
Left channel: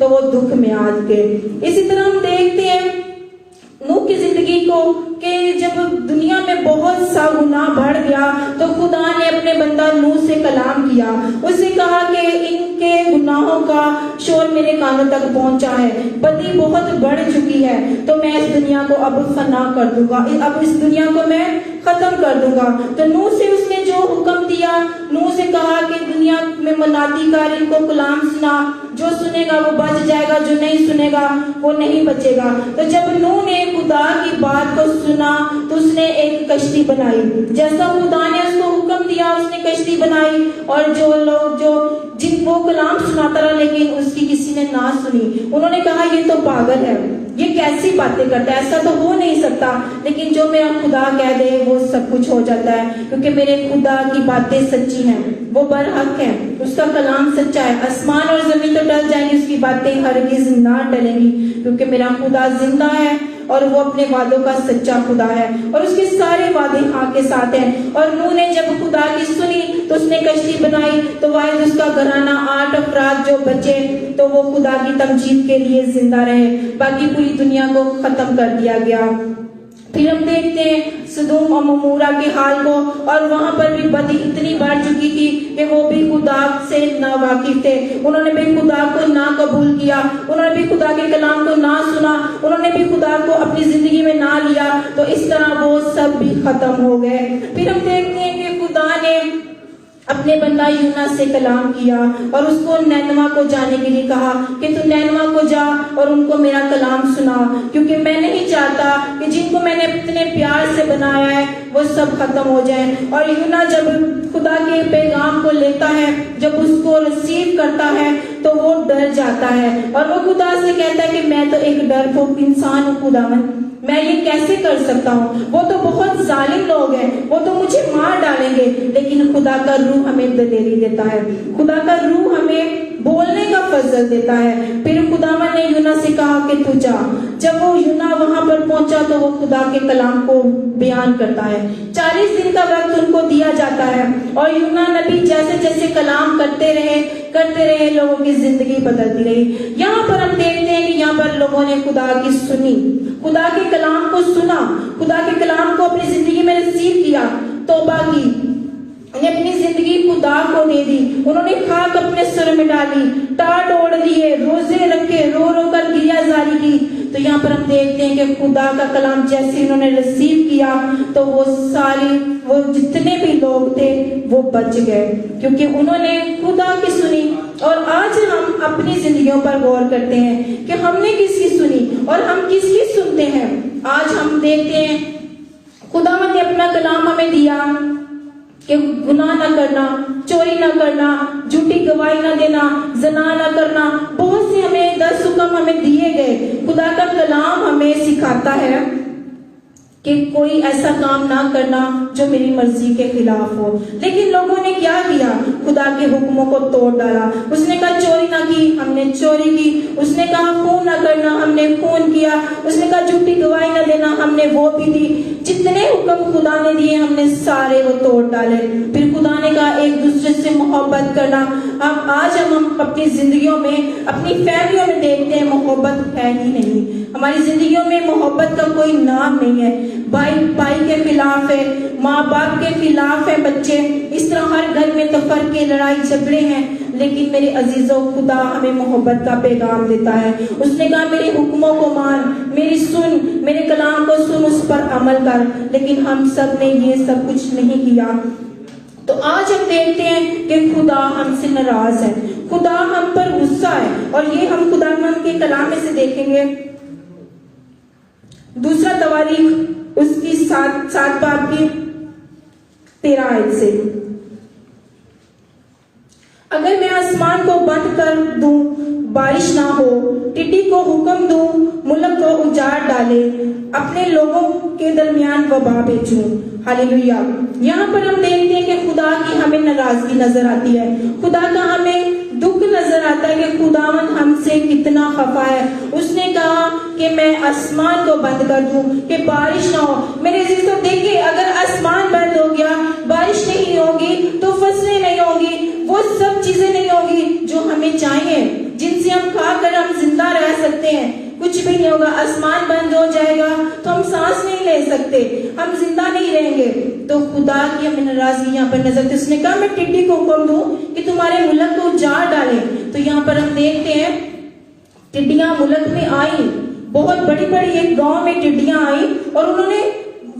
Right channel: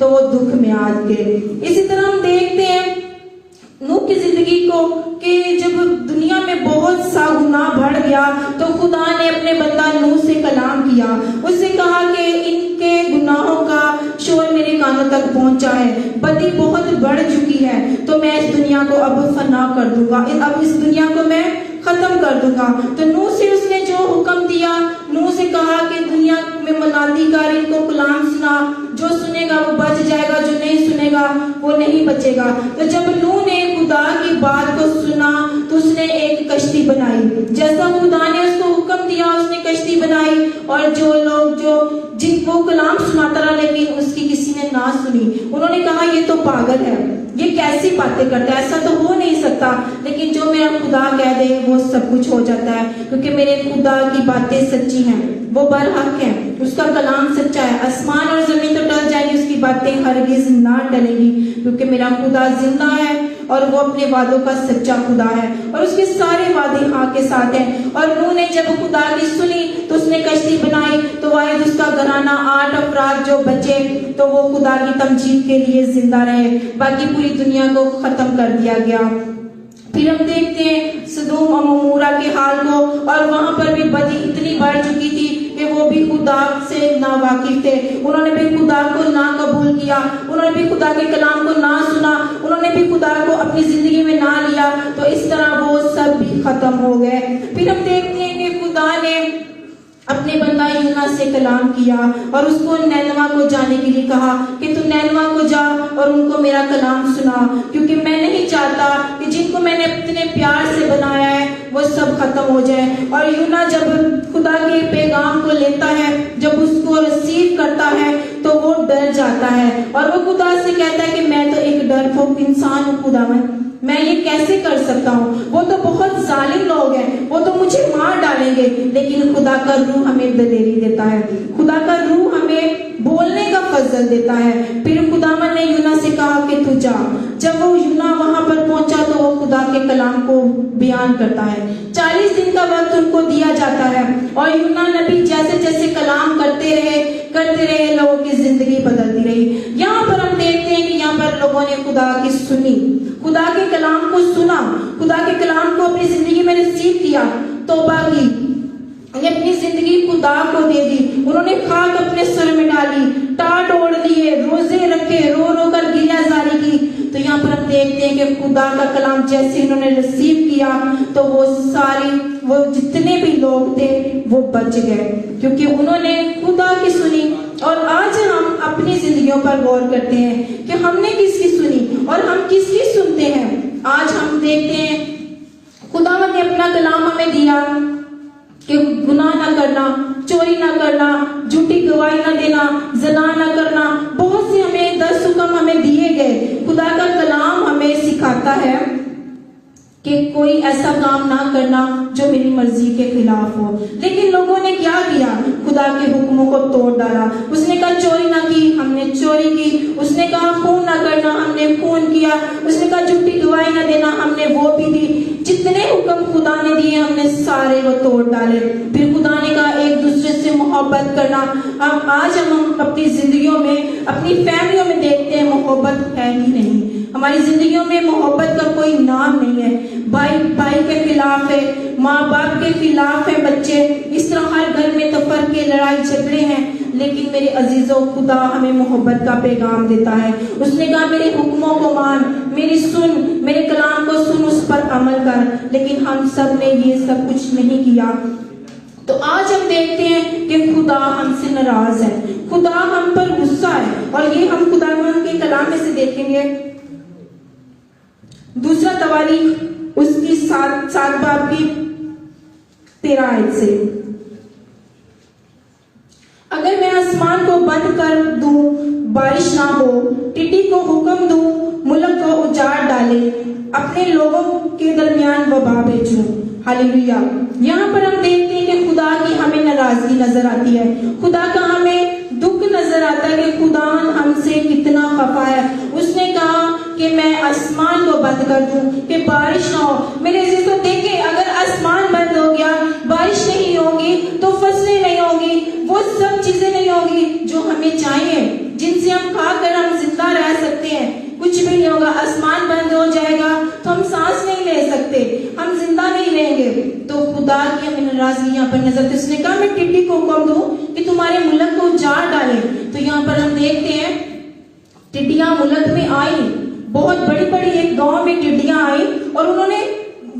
तो वो दुख में आ गए। इसी तरह हम देखते हैं नूह की जिंदगी को कि जब दुनिया में बहुत सा गुनाह बढ़ गया तो खुदा ने अपने बंदा नूह से कलाम किया। उसने कहा कि इनके गुनाहों का शोर मेरे कानों तक पहुंचा है, बदी बहुत बढ़ चुकी है, तो मैं इस दुनिया को अब फना कर दूंगा, अब इस दुनिया को मैं खत्म कर दूंगा। तो नूह से उसने जो हुक्म दिया, नूह से कहा कि दुनिया में मनादी कर, इनको कलाम सुना, जो सुनेगा वो बच जाएगा, जो नहीं सुनेगा वो नहीं बचेगा। तो जब नूह ने खुदा की बात को सुना तो उसने एक कश्ती बनाई, जैसा खुदा ने उसको हुक्म दिया उसने कश्ती बनाई। और जो लोग जिनको कलाम सुनाता रहा लेकिन उसकी किसी ने ना सुनी, उन्होंने कहा ये तो पागल है, ये कैसी बातें करता है, ऐसा तो हो नहीं सकता। लेकिन जो मेरा खुदा कह दे वो सब कुछ हो जाता है, क्योंकि मेरे खुदा की बातें सच्ची हैं, वो बरहक है, उसका कलाम सच्चा है। आसमान और जमीन तो टल जाएंगी, उसकी बातें हरगिज ना टलेंगी, क्योंकि मेरा खुदा जिंदा है और वो अपने वादों का सच्चा खुदा है और उसके सारे वादे हाँ के साथ हैं। और नूह ने जब खुदा की सुनी तो उसने कश्ती बनाई, तो वाहिद उसका घराना 8 अफराद जो बचे तो वो खुदा की तमजीद के लिए जिंदा रहे, बाकी पूरी दुनिया को खत्म कर दिया गया। फिर हम देखते हैं सदूम और अमोरा के हाल को, और वहां पर भी बदी इतनी बढ़ चुकी थी कि वो भी खुदा से ना वाकिफ थे, उन्होंने भी खुदा को ना कबूल किया, उन्होंने भी खुदा के कलाम को ना सुना, उन्होंने भी खुदा को अपनी जिंदगी में ना लिया, तो इस तरह वो सब भी खत्म हो गए। फिर हम देखते हैं कि खुदा ने अपने बंदा यूना से कलाम किया और उसको नैनवा को जाने के लिए कहा कि तू नैनवा को जा और उनको मेरा कलाम सुना, क्योंकि मैं नहीं चाहता कि जिनको मैंने इतने प्यार से बनाया है वो सब खत्म हो जाए। और यूना जब खुदा के पैगाम को लेता है, जब उसको रिसीव करता है तो वो डर जाता है और वो खुदा से कहता है कि मैं तो एक डरपोक इंसान हूँ खुदावन, मैं ये कैसे कर सकता हूँ, वो तो बहुत जालिम लोग हैं, वो तो मुझे मार डालेंगे। लेकिन खुदा का रूह हमें दिलेरी देता है, खुदा का रूह हमें बोलने का फजल देता है। फिर खुदावन ने यूना से कहा कि तू जा। जब वो यूना वहां पर पहुंचा तो वो खुदा के कलाम को बयान करता है। 40 दिन का वक्त उनको दिया जाता है और यूना नबी जैसे जैसे कलाम करते रहे लोगों की जिंदगी बदलती रही। यहाँ पर हम देखते हैं कि यहाँ पर लोगों ने खुदा की सुनी, खुदा के कलाम को सुना, खुदा के कलाम को अपनी जिंदगी में रिसीव किया, तौबा की, उन्हें अपनी जिंदगी खुदा को दे दी, उन्होंने खाक अपने सर में डाली, टाट ओढ़ दिए, रोजे रखे, रो रो कर गिरियाजारी की। तो यहाँ पर हम देखते हैं कि खुदा का कलाम जैसे उन्होंने रिसीव किया तो वो जितने भी लोग थे वो बच गए, क्योंकि उन्होंने खुदा की सुनी। और आज हम अपनी जिंदगियों पर गौर करते हैं कि हमने किसकी सुनी और हम किसकी सुनते हैं। आज हम देखते हैं खुदा ने अपना कलाम हमें दिया कि गुनाह न करना, चोरी न करना, झूठी गवाही न देना, जना न करना, बहुत से हमें 10 हुक्म हमें दिए गए। खुदा का कलाम हमें सिखाता है कि कोई ऐसा काम ना करना जो मेरी मर्जी के खिलाफ हो। लेकिन लोगों ने क्या किया, खुदा के हुक्मों को तोड़ डाला। उसने कहा चोरी ना की, हमने चोरी की। उसने कहा खून ना करना, हमने खून किया। उसने कहा झूठी गवाही ना देना, हमने वो भी दी। जितने हुक्म खुदा ने दिए हमने सारे वो तोड़ डाले। फिर खुदा ने कहा एक दूसरे से मोहब्बत करना। अब आज हम अपनी जिंदगियों में, अपनी फैमिलियों में देखते हैं मोहब्बत है ही नहीं। हमारी जिंदगियों में मोहब्बत का कोई नाम नहीं है। भाई भाई के खिलाफ है, माँ बाप के खिलाफ है बच्चे, इस तरह हर घर में तो फर्क के लड़ाई झगड़े हैं। लेकिन मेरे अजीजों, खुदा हमें मोहब्बत का पैगाम देता है। उसने कहा मेरे हुक्मों को मान, मेरी सुन, मेरे कलाम को सुन, उस पर अमल कर। लेकिन हम सब ने ये सब कुछ नहीं किया। तो आज हम देखते हैं कि खुदा हमसे नाराज है, खुदा हम पर गुस्सा है। और ये हम खुदा के कलाम में से देखेंगे। दूसरा तवारीख उसकी 7 बाब की 13 आयत से, अगर मैं आसमान को बंद कर दूं, बारिश ना हो, टिड्डी को हुक्म दूं मुल्क को उजाड़ डाले, अपने लोगों के दरमियान वबा भेजो। हालेलुया। यहाँ पर हम देखते हैं कि खुदा की हमें नाराजगी नजर आती है, खुदा का हमें दुख नजर आता है कि खुदा हमसे कितना खफा है। उसने कहा कि मैं आसमान को बंद कर दूं कि बारिश ना हो। मेरे जिसको देखे, अगर आसमान बंद हो गया, बारिश नहीं होगी तो फसलें नहीं होगी, वो सब चीजें नहीं होगी जो हमें चाहिए, जिनसे हम खाकर हम जिंदा रह सकते हैं। कुछ भी नहीं होगा, आसमान बंद हो जाएगा तो हम सांस नहीं ले सकते, हम जिंदा नहीं रहेंगे। तो खुदा की हमें नाराजगी यहाँ पर नजर आती है। उसने कहा मैं टिड्डी को हुक्म दूं कि तुम्हारे मुल्क को उजाड़ डाले। तो यहाँ पर हम देखते हैं टिड्डियां मुल्क में आई, बहुत बड़ी बड़ी एक गांव में टिड्डियां आई और उन्होंने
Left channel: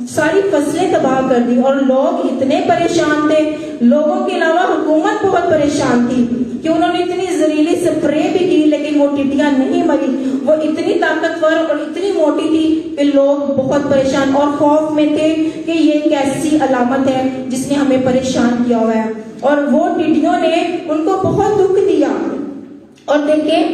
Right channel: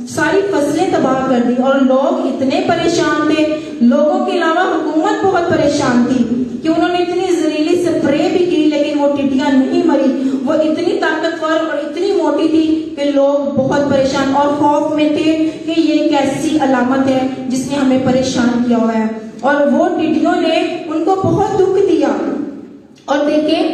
सारी फसलें तबाह कर दी और लोग इतने परेशान थे, लोगों के अलावा हुकूमत बहुत परेशान थी कि उन्होंने इतनी जहरीली स्प्रे भी की लेकिन वो टिड्डियां नहीं मरी। वो इतनी ताकतवर और इतनी मोटी थी कि लोग बहुत परेशान और खौफ में थे कि ये कैसी अलामत है जिसने हमें परेशान किया हुआ है। और वो टिड्डियों ने उनको बहुत दुख दिया। और देखिए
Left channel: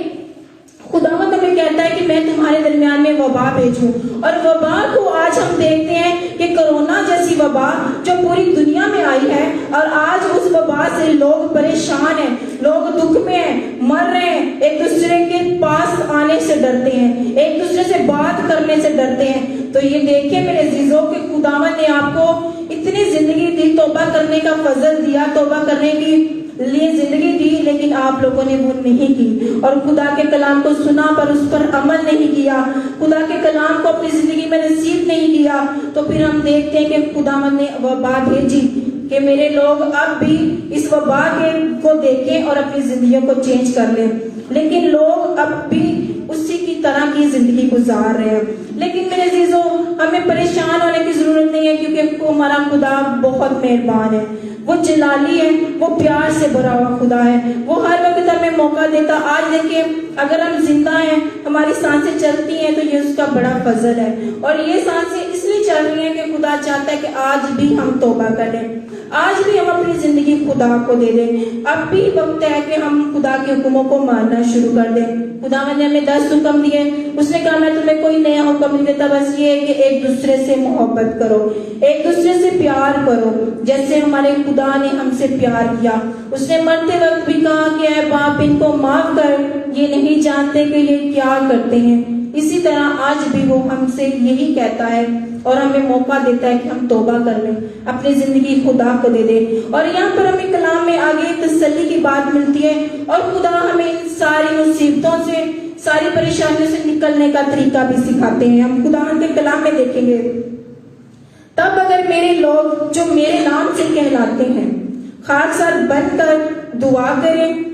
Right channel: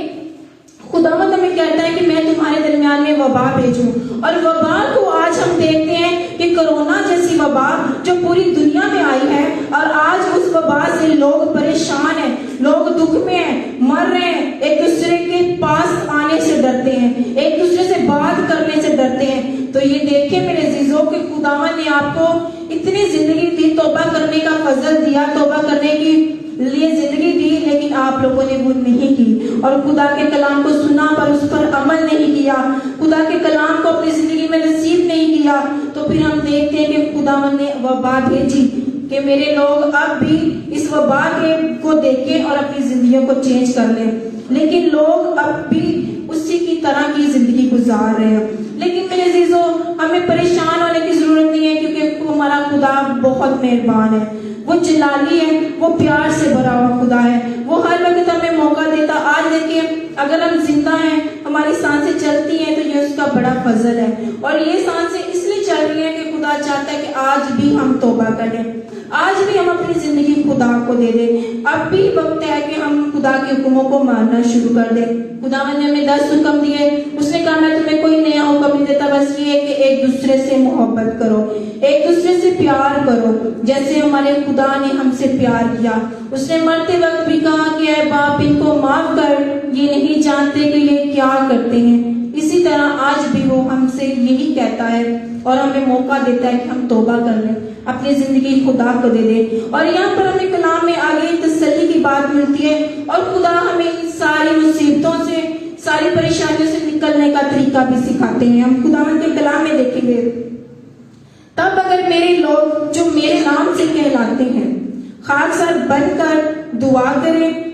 खुदावंद हमें कहता है कि मैं तुम्हारे दरमियान में वबा भेजूं। और वबा को आज हम देखते हैं कि कोरोना जैसी वबा जो पूरी दुनिया में आई है, और आज उस वबा से लोग परेशान हैं, लोग दुख में हैं, मर रहे हैं, एक दूसरे के पास आने से डरते हैं, एक दूसरे से बात करने से डरते हैं। तो ये देखिए मेरे अजीजों कि खुदावंद ने आपको इतनी जिंदगी दी, तौबा करने का फजल दिया, तौबा करने की लिए जिंदगी दी, लेकिन आप लोगों ने वो नहीं की और खुदा के कलाम को सुना पर उस पर अमल नहीं किया, खुदा के कलाम को अपनी जिंदगी में नसीब नहीं किया। तो फिर हम देखते हैं कि खुदावंद ने वबा भेजी कि मेरे लोग अब भी इस वबा को देखें और अपनी जिंदगी को चेंज कर लें। लेकिन लोग अब भी उसी की तरह की जिंदगी गुजार रहे हैं। लेकिन मेरे अजीजों, हमें परेशान होने की जरूरत नहीं है, क्योंकि हमारा खुदा बहुत मेहरबान है, वो जलाली है, वो प्यार से भरा हुआ खुदा है, वो हर वक्त हमें मौका देता। आज देखिए अगर हम जिंदा हैं, हमारी सांसें चलती हैं, तो ये उसका बड़ा फजल है। और ये सांसें इसलिए चल रही हैं कि खुदा चाहता है कि आज भी हम तौबा करें, आज भी हम अपनी जिंदगी खुदा को दे दें। अब भी वक्त है कि हम खुदा के हुक्मों को मानना शुरू कर दें। खुदावंद ने हमें 10 हुक्म दिए, उसने कहा मैं तुम्हें कोई नया हुक्म नहीं देता, बस ये है कि एक दूसरे से मोहब्बत करो, एक दूसरे से प्यार करो, जैसे हमारे खुदा ने हमसे प्यार किया। उसने मरते वक्त भी कहा कि ऐ बाप इनको माफ कर, ये नहीं जानते कि ये क्या करते हैं। इसी तरह आज भी वो हमसे यही कहता है और हमें मौका देता है कि हम तौबा कर लें, अपनी जिंदगी खुदा को दे दें। और यहाँ पर हमें कलाम में आगे तसल्ली की बात मिलती है और खुदा हमें सारी मुसीबतों से, सारी परेशानियों से निकलने का तरीका भी सिखाते हैं। हम खुदावंद के कलाम में देखेंगे, तब अगर मेरे लोग जो मेरे नाम से कहलाते हैं खाकसार बनकर दुआ करें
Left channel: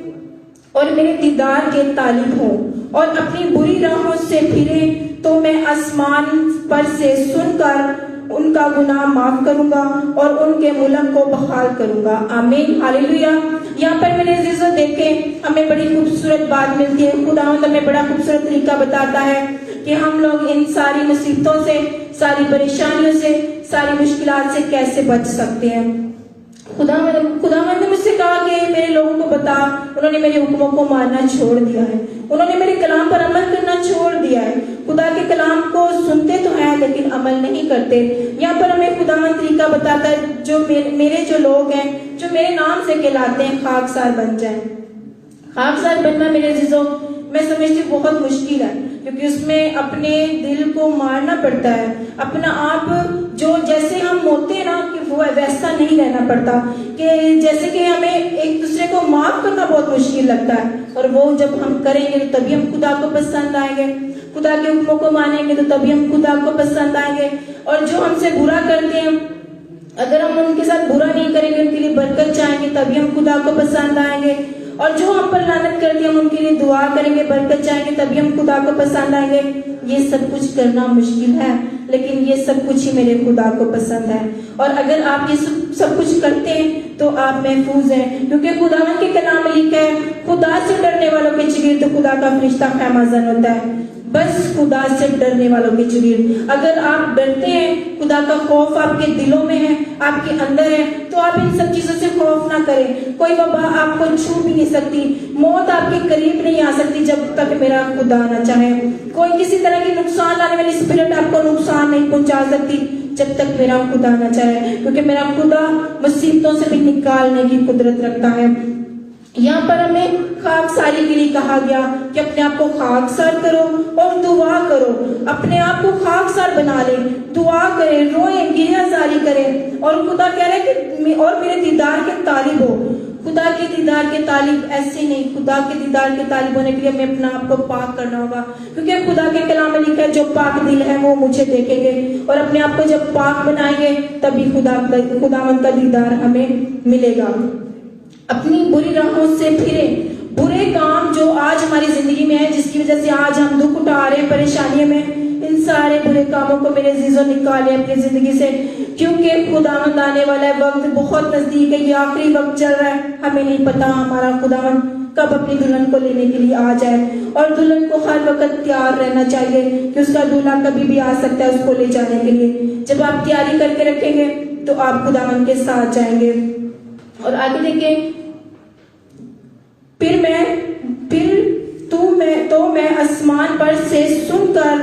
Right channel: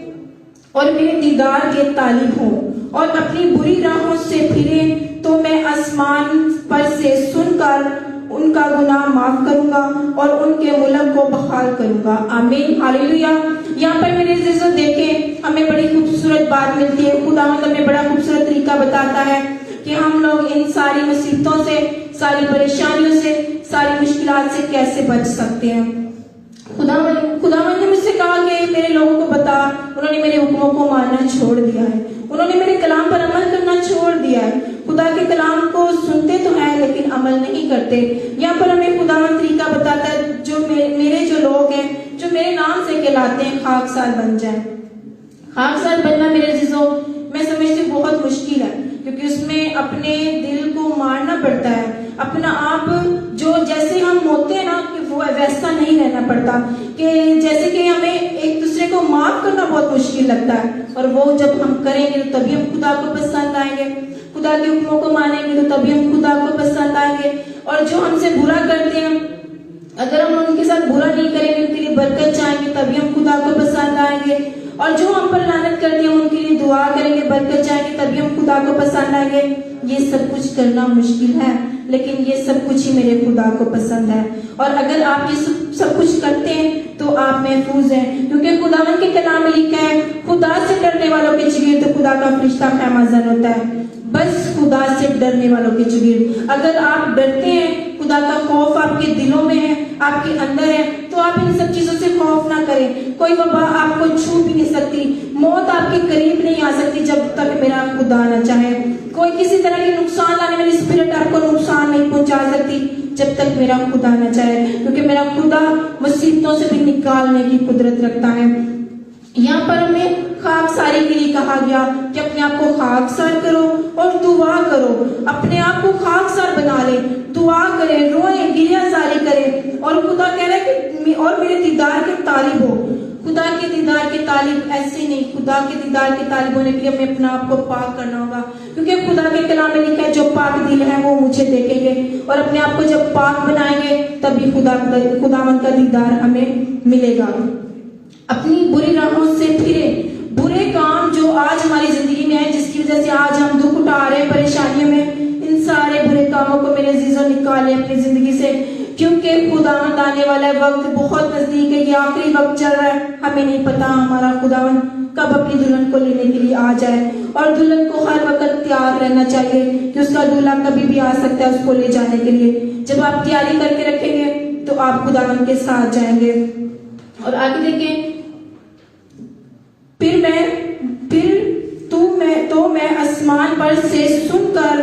और मेरे दीदार के तालिब हों और अपनी बुरी राहों से फिरे, तो मैं आसमान पर से सुनकर उनका गुनाह माफ करूंगा और उनके मुल्क को बहाल करूंगा। आमीन, हालेलुया। यहाँ पर मेरे अजीजों देखें, हमें बड़ी खूबसूरत बात मिलती है। खुदावंद हमें बड़ा खूबसूरत तरीका बताता है कि हम लोग इन सारी मुसीबतों से, सारी परेशानियों से, सारी मुश्किलात से कैसे बच सकते हैं। खुदावंद ने मुझसे कहा कि मेरे लोगों को बता, उन्होंने मेरे हुक्मों को मानना छोड़ दिया है, उन्होंने मेरे कलाम पर अमल करना छोड़ दिया है। खुदा के कलाम को सुनते तो हैं लेकिन अमल नहीं करते। यहाँ पर हमें खुदावंद तरीका बताता है, जो मेरे जो लोग हैं, जो मेरे नाम से कहलाते हैं, खाकसार बन जाए। खाकसार बनना मेरे अजीजों मैं समझती हूँ बहुत मुश्किल है, क्योंकि उसमें अपने दिल को मारना पड़ता है, अपना आप जो जैसे हम होते हैं ना कि वो वैसा नहीं रहना पड़ता, कि जैसे कि हमें एक दूसरे को माफ करना बहुत मुश्किल लगता है। और वो जब हम करेंगे तो तभी हम खुदा को पसंद आएंगे, खुदा के हुक्मों को मानेंगे तो तभी हम खुदा को पसंद आएंगे। और जो हमसे बुरा करते हैं, अगर हम उनके साथ बुरा नहीं करेंगे, उनके लिए बरकत चाहेंगे, तभी हम खुदा को पसंद आएंगे। और जो हम पर लानत करके हम उनके लिए दुआ करेंगे, बरकत चाहेंगे, तभी हम खुदा को पसंद आएंगे। ये सब कुछ करना मुश्किल है, लेकिन ये सब कुछ ही मेरे खुदा को पसंद है। और अगर आप ये सब कुछ करते हैं तो आप महफूज हैं, क्योंकि खुदा के कलाम में लिखा है, खुदा से डरने वालों के चलिए तो खुदा का फरिश्ता खैमाजन होता है। बस खुदा से डरने वालों के चलिए। अगर आप डरते हैं, खुदा का खौफ आपके दिलों में है, आपके अंदर है, तो आप इन सब चीजों से खौफ ना करें। कोई वबा आपको छू भी नहीं सकती, मौत आपके करीब नहीं आ सकती जब तक मेरा खुदा ना चाहे। कोई किसी तरह की जब तक मेरा खुदा न चाहे, क्योंकि मेरा खुदा मुसीबतों से भी निकालने की कुदरत रखता है। यहाँ पर हमें खाकसारी के लिए कहा गया कि अपने आप को खाकसार करो और दुआ करो। अपने आप को खाकसार बना ले, दुआ करे, रोए, गिरियाजारी करे। और खुदा कह रहा है कि और मेरे दीदार के तालिब हो। खुदा के दीदार के तालिब ऐसे नहीं, खुदा के दीदार के तालिब होने के लिए हमें अपने आप को पाक करना होगा, क्योंकि खुदा के कलाम में लिखा है जो पाक दिल है वो मुझे देखेंगे। और अपने आप को जब पाक बनाएंगे तभी खुदा का दीदार हमें मिलेगा। अपनी बुरी राहों से फिरे, बुरे काम जो आज हमारी जिंदगी में है, जिसकी वजह से आज हम दुख उठा रहे हैं, परेशानियों में, इन सारे बुरे कामों को मेरे अजीजों निकाले अपनी जिंदगी से, क्योंकि खुदावंद आने वाला है। वक्त बहुत नजदीक है, ये आखिरी वक्त चल रहा है। हमें नहीं पता हमारा खुदावंद कब अपनी दुल्हन को लेने के लिए आ जाए, और दुल्हन को हर वक्त तैयार रहना चाहिए कि उसका दूल्हा कभी भी आ सकता है उसको ले जाने के लिए। जब आप तैयारी करके रखेंगे तो आप खुदावंद के साथ जाएंगे। और आगे देखें, फिर मैं आसमान पर से सुनकर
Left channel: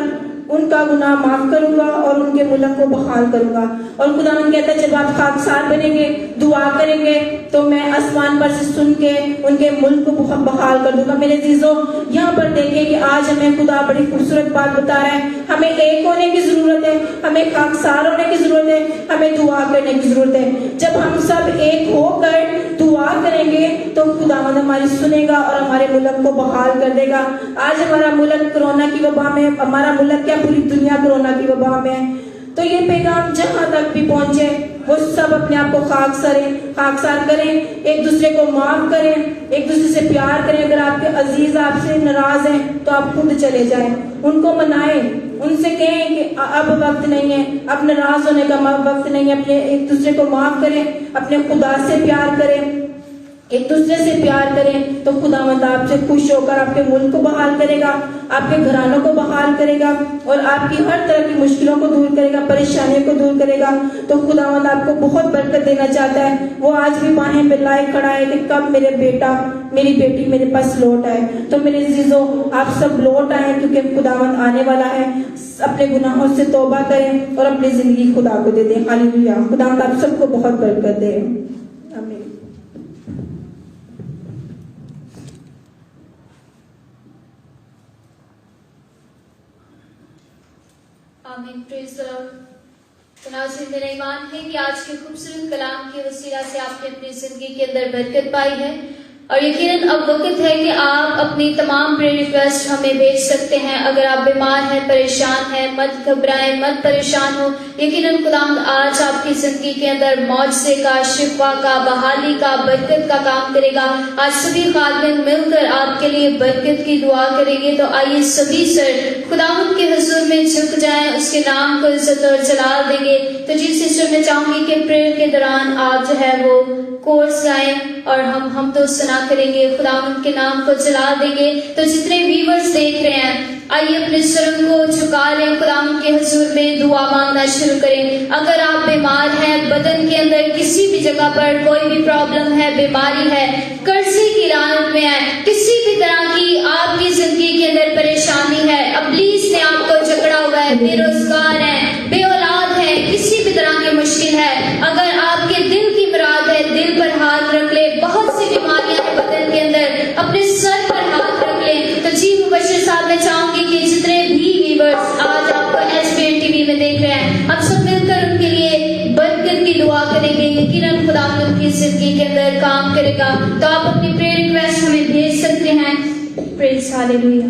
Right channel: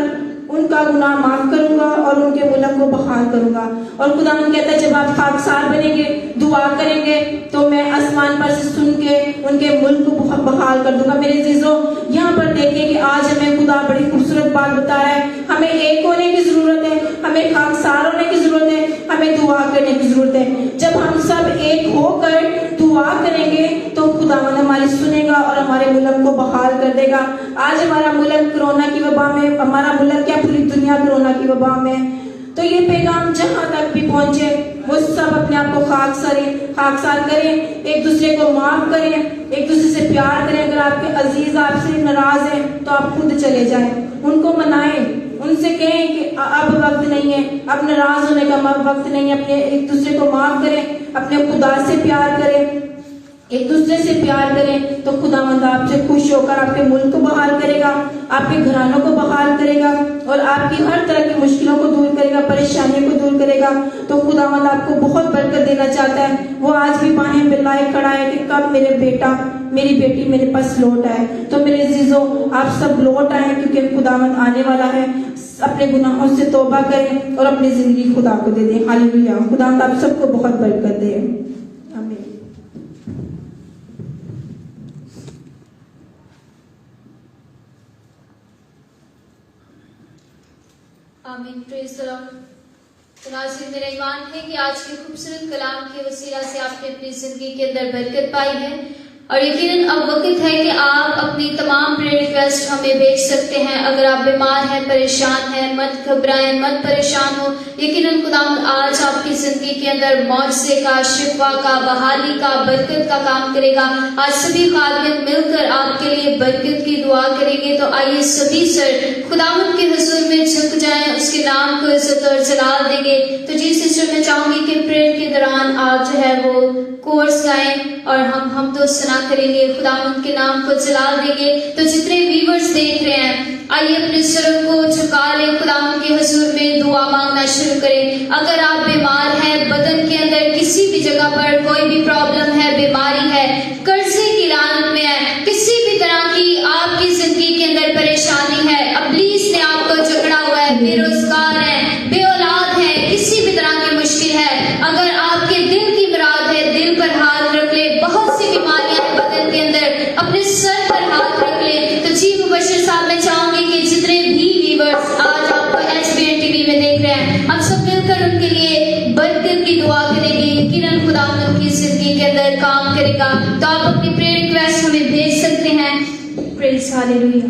उनका गुनाह माफ करूंगा और उनके मुल्क को बहाल करूंगा। और खुदावंद कहता है जब आप खाकसार बनेंगे, दुआ करेंगे, तो मैं आसमान पर से सुन के उनके मुल्क को बहाल कर दूंगा। मेरे अजीजों, यहाँ पर देखें कि आज हमें खुदा बड़ी खूबसूरत बात बता रहा है। हमें एक होने की जरूरत है, हमें खाकसार होने की जरूरत है, हमें दुआ करने की जरूरत है। जब हम सब एक होकर दुआ करेंगे तो खुदावंद हमारी सुनेगा और हमारे मुल्क को बहाल कर देगा। आज हमारा मुल्क कोरोना की वबा में, हमारा मुल्क क्या पूरी दुनिया कोरोना की वबा में है। तो ये पैगाम जहां तक भी पहुंचे वो सब अपने आप को खाकसार करें, एक दूसरे को माफ करें, एक दूसरे से प्यार करें। अगर आपके अजीज आपसे नाराज हैं तो आप खुद चले जाएं, उनको मनाएं, उनसे कहें कि अब वक्त नहीं है, अब नाराज होने का वक्त नहीं है। अपने एक दूसरे को माफ करें, अपने खुदा से प्यार करें, एक दूसरे से प्यार करें, तो खुदावंद आपसे खुश होकर आपके मुल्क को बहाल करेगा, आपके घरानों को बहाल करेगा और आपकी हर तरह की मुश्किलों को दूर करेगा, परेशानियों को दूर करेगा। तो खुदावंद आपको बहुत बरकत देना चाहता है। वो आज भी बाहें फैलाए खड़ा है कि कब मेरे बेटा मेरी बेटी मेरे पास लौट आए। तो मेरे अजीजों, आप सब लौट आए, क्योंकि खुदावंद आने वाला है। अपने गुनाहों से तौबा करें और अपनी जिंदगी खुदा को दे दें। हालेलुया। खुदावंद आप सबको बहुत बरकत दे। आमीन। आमीन। Praise the Lord. तो नाज़रीन, मेरा ईमान है कि आज के खूबसूरत कलाम के वसीला से आपने अपनी जिंदगी के अंदर बरकत पाई है, और यकीनन अब वक्त है कि आप अपनी तमाम प्रेयर रिक्वेस्ट हमें भेज सकते हैं। अगर आप बीमार हैं, परेशान हैं, मत घबराएं, मत परेशान हो। यकीनन खुदा आज आपकी जिंदगी के अंदर मौजज़े का, शिफा का, बहाली का, बरकत का काम करेगा। आज सभी खादिम मिलकर आपके लिए बरकत की दुआ करेंगे। तो आइए सभी सर खुदावंद के हुजूर में झुक जाएं, उसके नाम को इज्जत और जलाल देंगे। तो जी सिस्टर, मैं चाहूंगी कि प्रेयर के दौरान आप जो है वो कोर्स गाएं और हम तो सुना करेंगे, खुदावंद के नाम को जला देंगे। तो जितने व्यूअर्स देख रहे हैं, आइए अपने सर को झुका लें, खुदावंद के हुजूर में दुआ मांगना शुरू करें। अगर आप बीमार हैं, बदन के अंदर किसी भी जगह पर कोई भी प्रॉब्लम है, बीमारी है, कर्जे की लानत में है, किसी भी तरह की आपकी जिंदगी के अंदर परेशानी है, अब्लीस ने आपको झगड़ा हुआ है, बेरोजगार है, बेऔलाद है, किसी भी तरह की मुश्किल है, अगर आपके दिल की मुराद है, दिल पर हाथ रख ले। बहुत सी बीमारियां हैं बदन के अंदर, अपने सर पर हाथ रख ले। तो जी मुबश्शिर साहब, मैं चाहूंगी कि जितने भी व्यूअर्स आज आपको HBN TV में देख रहे हैं, हम सब मिलकर उनके लिए बरकत की दुआ करेंगे। यकीनन खुदावंद की जिंदगी के अंदर काम करेगा। तो आप अपनी प्रेयर रिक्वेस्ट हमें भेज सकते हैं। Praise hallelujah.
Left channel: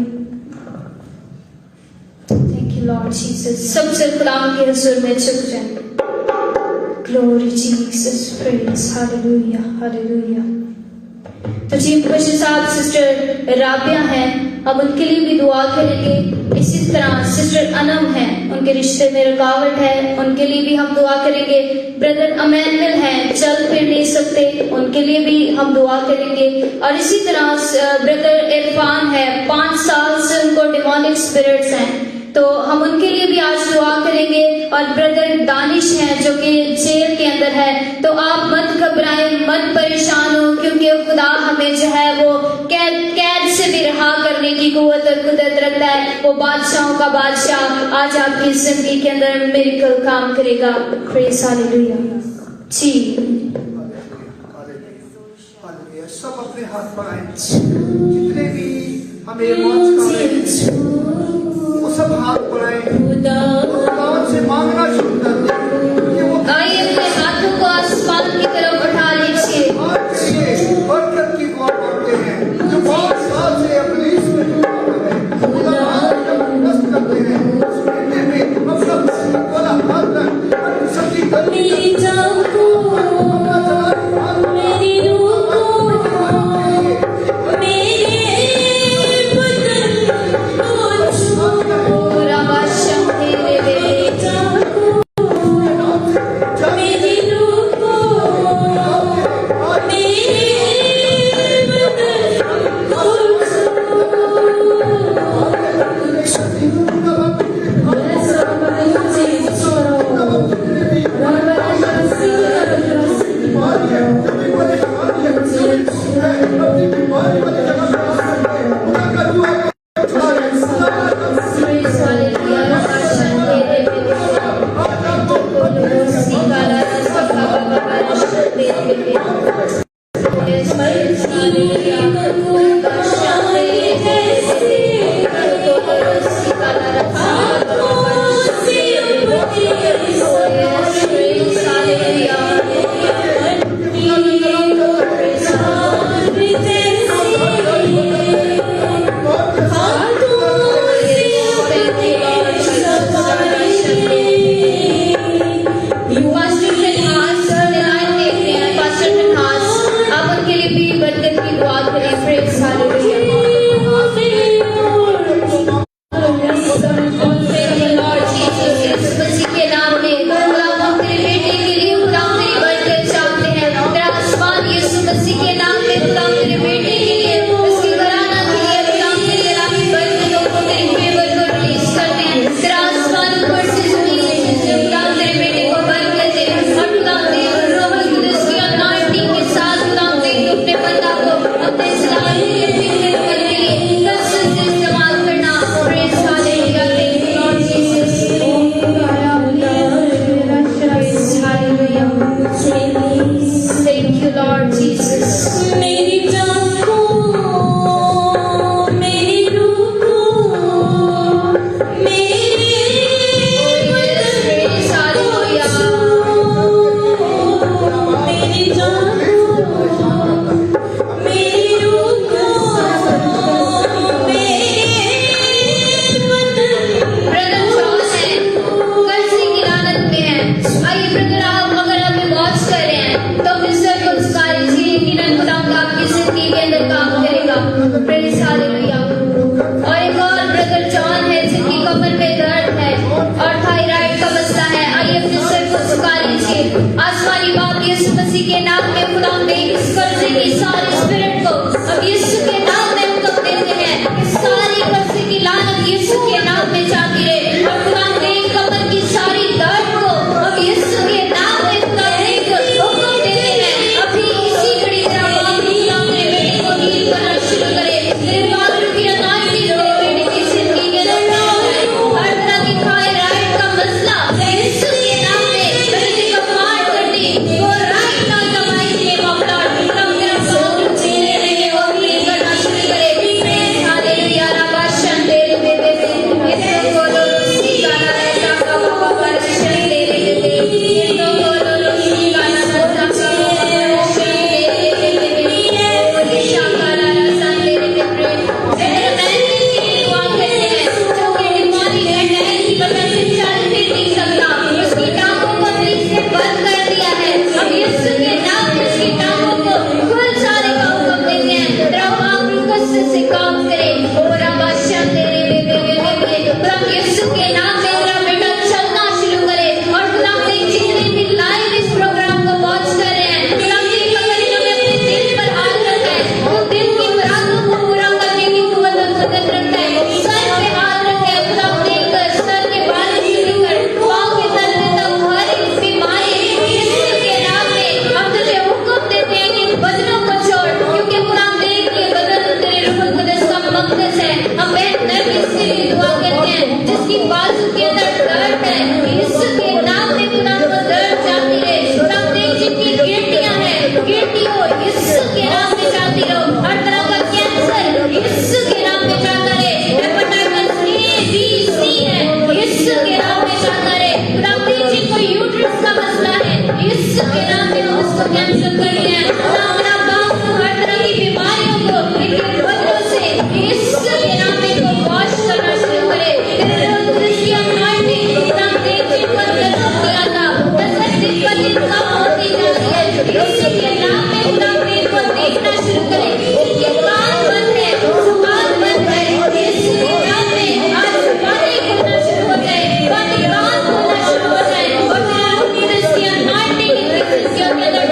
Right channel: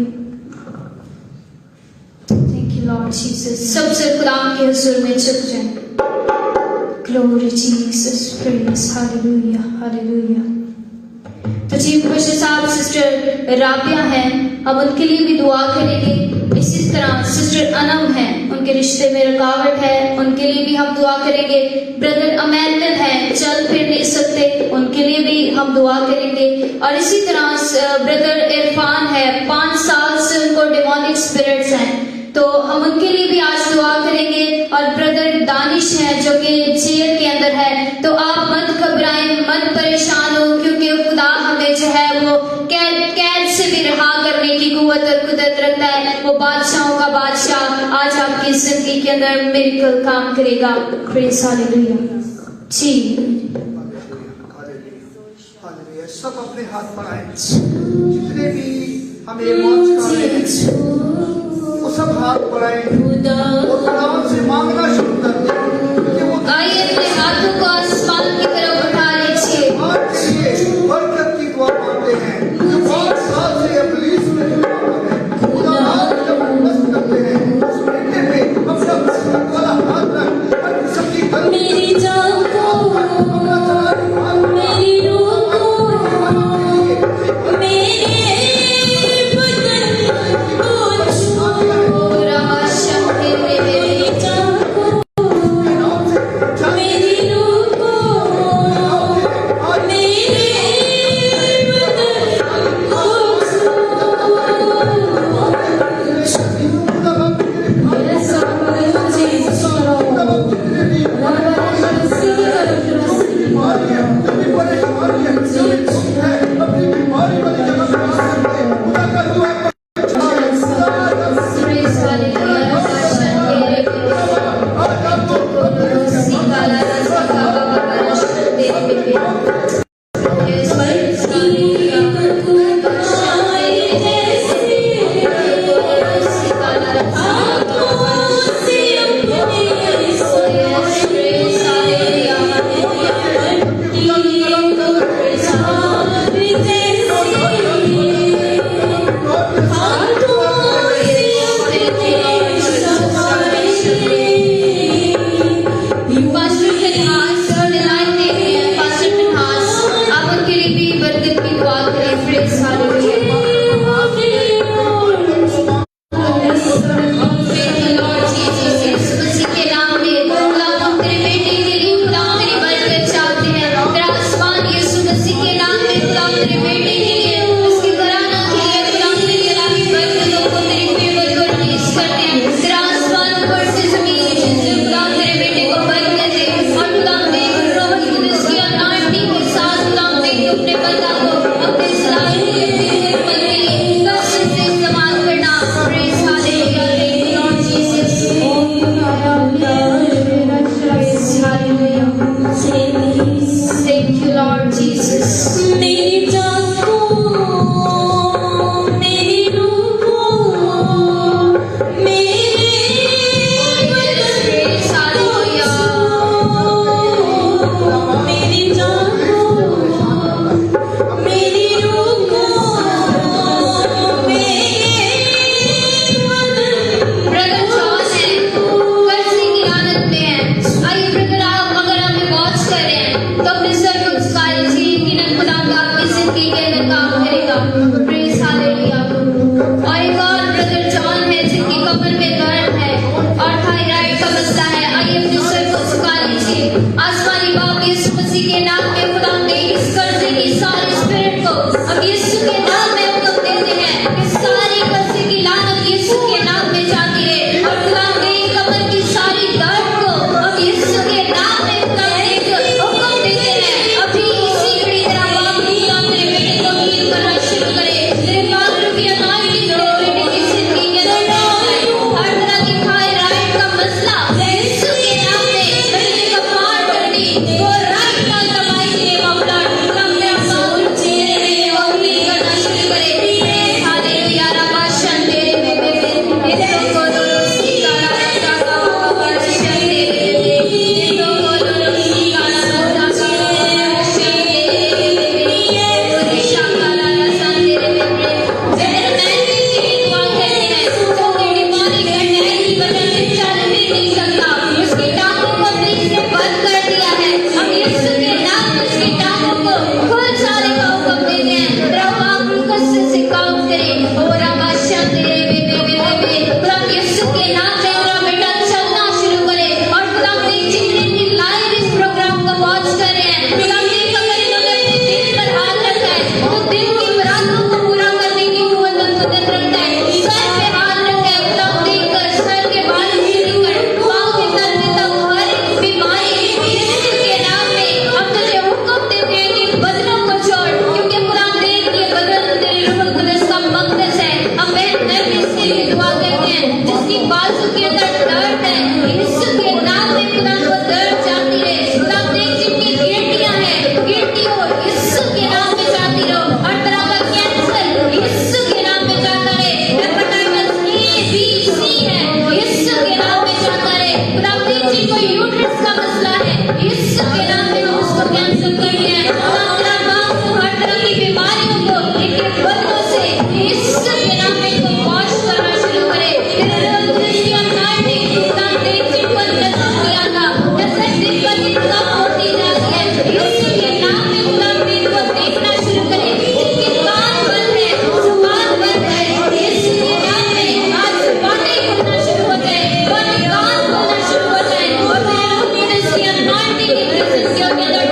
Thank you Lord Jesus. सब सिर खुदावंद के हुजूर में झुक जाएं। Glory Jesus, praise hallelujah, hallelujah. तो जी मुबश्शिर साहब सिस्टर राबिया हैं, हम उनके लिए भी दुआ करेंगे। इसी तरह सिस्टर अनम है, उनके रिश्ते में रुकावट है, उनके लिए भी हम दुआ करेंगे। ब्रदर अमैनुअल हैं, चल फिर नहीं सकते, उनके लिए भी हम दुआ करेंगे। और इसी तरह ब्रदर इरफान है, 5 साल से उनको डिमोनिक स्पिरिट्स हैं, तो हम उनके लिए भी आज दुआ करेंगे। और ब्रदर दानिश है जो कि जेल के अंदर है, तो आप मत घबराएं, मत परेशान हो, क्योंकि खुदा हमें जो है वो कैद से भी रहा करने की कुव्वत और कुदरत रखता है। वो बादशाहों का बादशाह आज आपकी जिंदगी के के अंदर मिरेकल काम करेगा। Praise hallelujah. जी हालेलुया। सब अपने हाथ बढ़ाएं। जितने भी हमें मौज का रहे हैं, वो सब हाथ बढ़ाएं और खुदावन से मांगना शुरू कर दें कि वो आइए अपने हाथों को आसमान की तरफ उठा लीजिए। आज के लिए बरकत की दुआ करते हैं। जो बहुत साल से इब्लीस में जुड़ा हुआ है, खुदा आज जब मस्त करते हैं, उस महीने में हम सब वाला हाथ रख हर किस्म की गलती मेरी जान को अपना चला मेरी रूह को मेरे जाते रहो। हर तरह का कैंसर यीशु के नाम में जाता है। हेपेटाइटिस ए बी सी है, यीशु के नाम में जाता है। खुदावंद जिनको यूट्रस का मसला है, यीशु के नाम में हम उसको कैंसिल करते हैं। खुदावंद हर तरह की बीमारियों को इनके बदलों से यीशु के नाम में को वॉश करना शुरू करे। क्रिस्टी अनॉइंटिंग खुदावंद जिनको नजर किया था, नजर दिन पर दिन कम होती जा रही है, यीशु के नाम में खुदावंद इनको देखना शुरू करे। इनके कान बंद है, जुबान बंद है, यीशु के नाम में आज बातें करना शुरू हो जाए, बातें कान बोलना शुरू हो जाए। और क्रिस्टी अनॉइंटिंग क्रिस्टियों के अंदर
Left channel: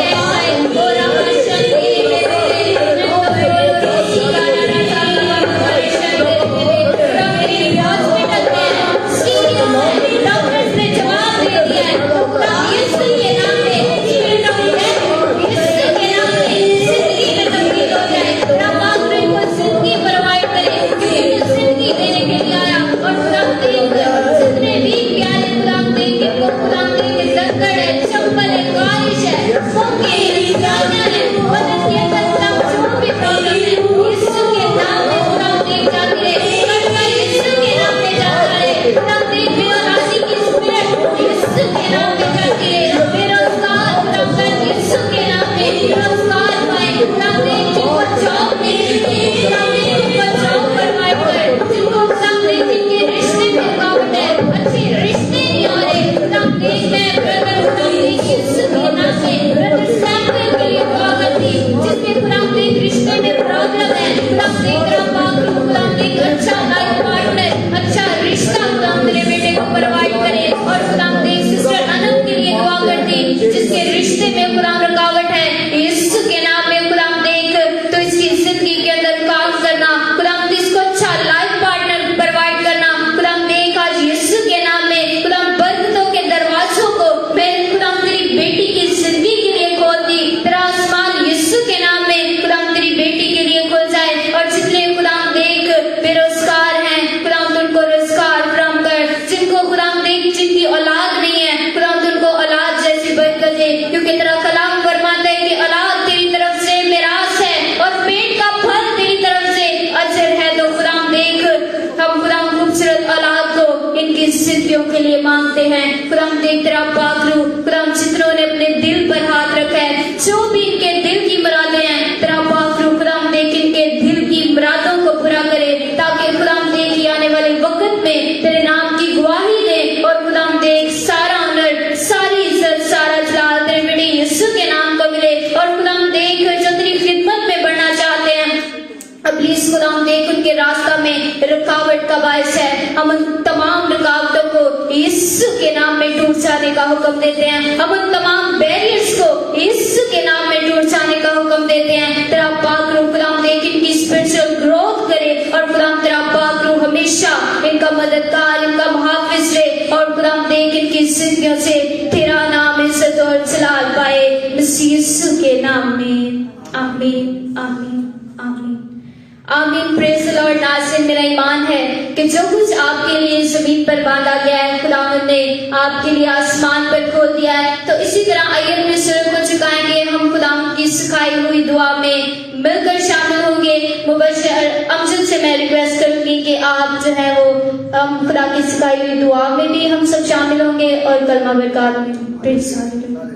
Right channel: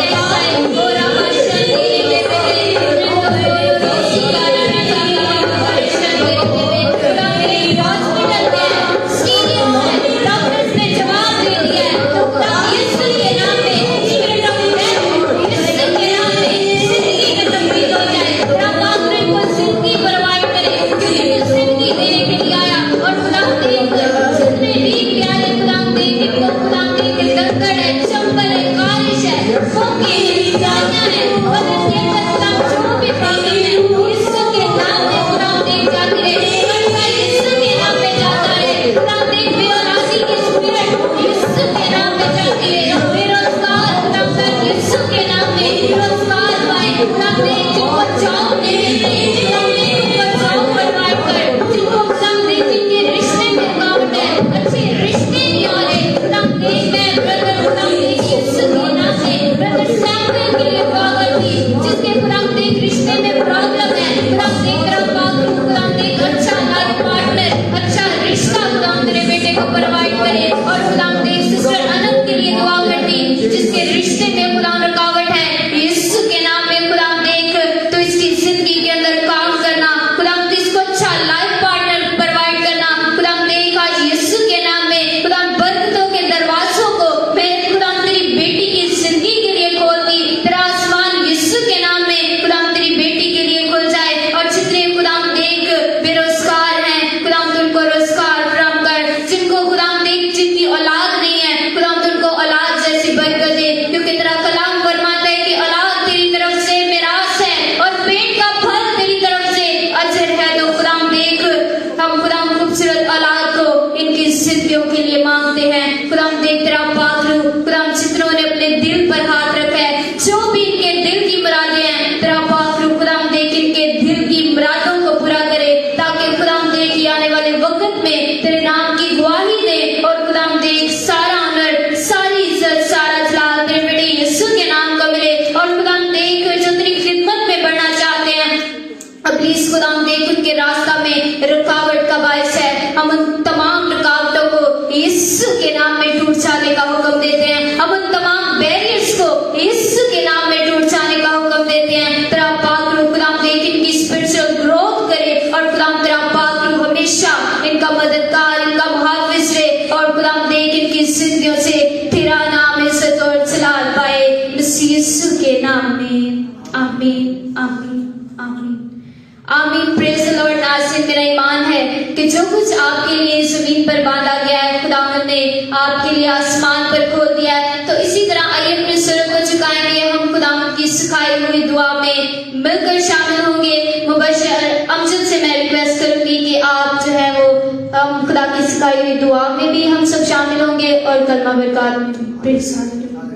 टेस्ट आए और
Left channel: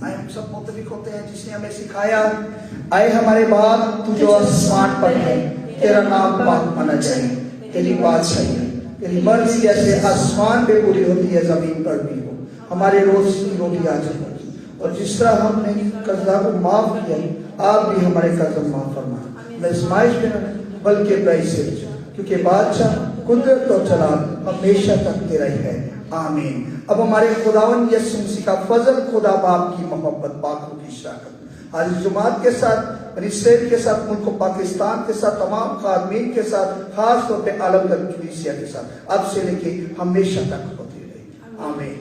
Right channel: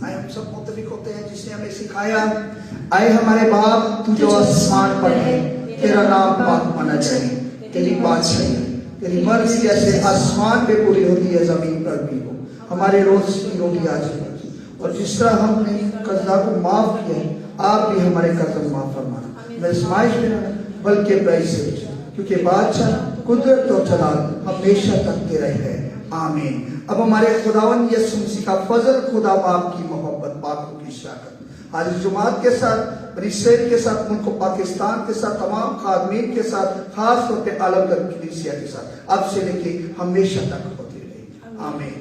आए हम सब मुतफिक होते हैं जिसने हमें सिखाया। आए हमारे बाप तू जो आसमान पर है, तेरा नाम पाक होना चाहिए, तेरी बादशाही, तेरी मर्जी जैसे आसमान पे पूरी होती है जमीन पर भी हो। हमारे रोज की रोटी आज हो, और जिस तरह हमने कर्जा को माफ किया, आप भी हमारे कर्ज माफ फरमाए। आजमाइश में बल्कि बुराई से, क्योंकि बादशाह कुदरत और जलाल हमेशा तक तेरा है। आमीन। अब हमारे खुदावन यीशु मसीह का फजल, खुदा बाप की मोहब्बत, बातों की शाकत आज जुमात के साथ, इसराइल के साथ, मुल्क पाकिस्तान के साथ, तमाम खादमीन के साथ, खास तौर पे आलमगीर कलीसिया के साथ अब से लेके हमेशा तक होती रहेगी। आमीन।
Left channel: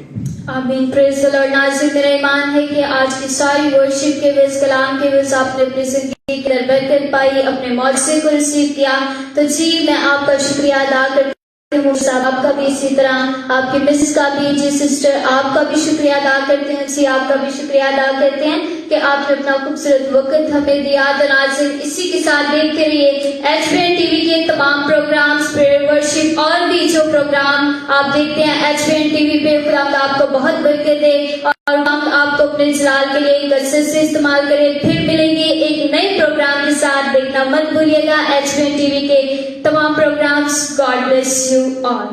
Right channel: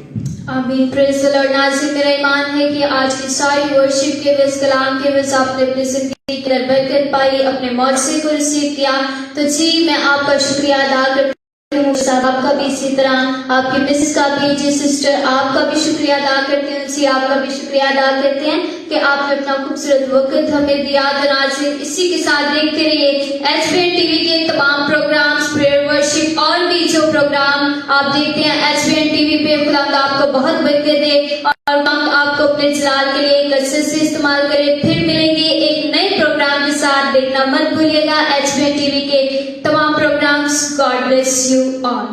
आमीन। Praise the Lord. नाज़रीन, मेरा ईमान है कि आज की सारी वर्शिप के वजह कलाम के वजह आपने अपनी जिंदगी की बरकत पाई, अपने मौजज़े को रिसीव किया। तो जी मैं आपका शुक्रिया अदा करती हूँ। आपका भी इसी तरह, आपकी मिसेस का भी, जी सिस्टर आपका भी शुक्रिया अदा करते हैं। जी आपका भी शुक्रिया अदा करते हैं कि आपने अपना खूबसूरत वक्त हमें दिया। धन्यवाद से इसी के साथ देखते रहिए HBN टीवी के तमाम प्रोग्राम्स, प्रेयर, वर्शिप और भी जो प्रोग्राम आप देखते हैं HBN टीवी पे। खुदा का आपको बहुत बरकत दे और हम आपको अपने जलाल के लिए कसरत से इस्तेमाल करें। फिर मिलेंगे एक नए प्रोग्राम के साथ। देखना मत भूलिएगा HBN टीवी के तमाम programs. God bless you all.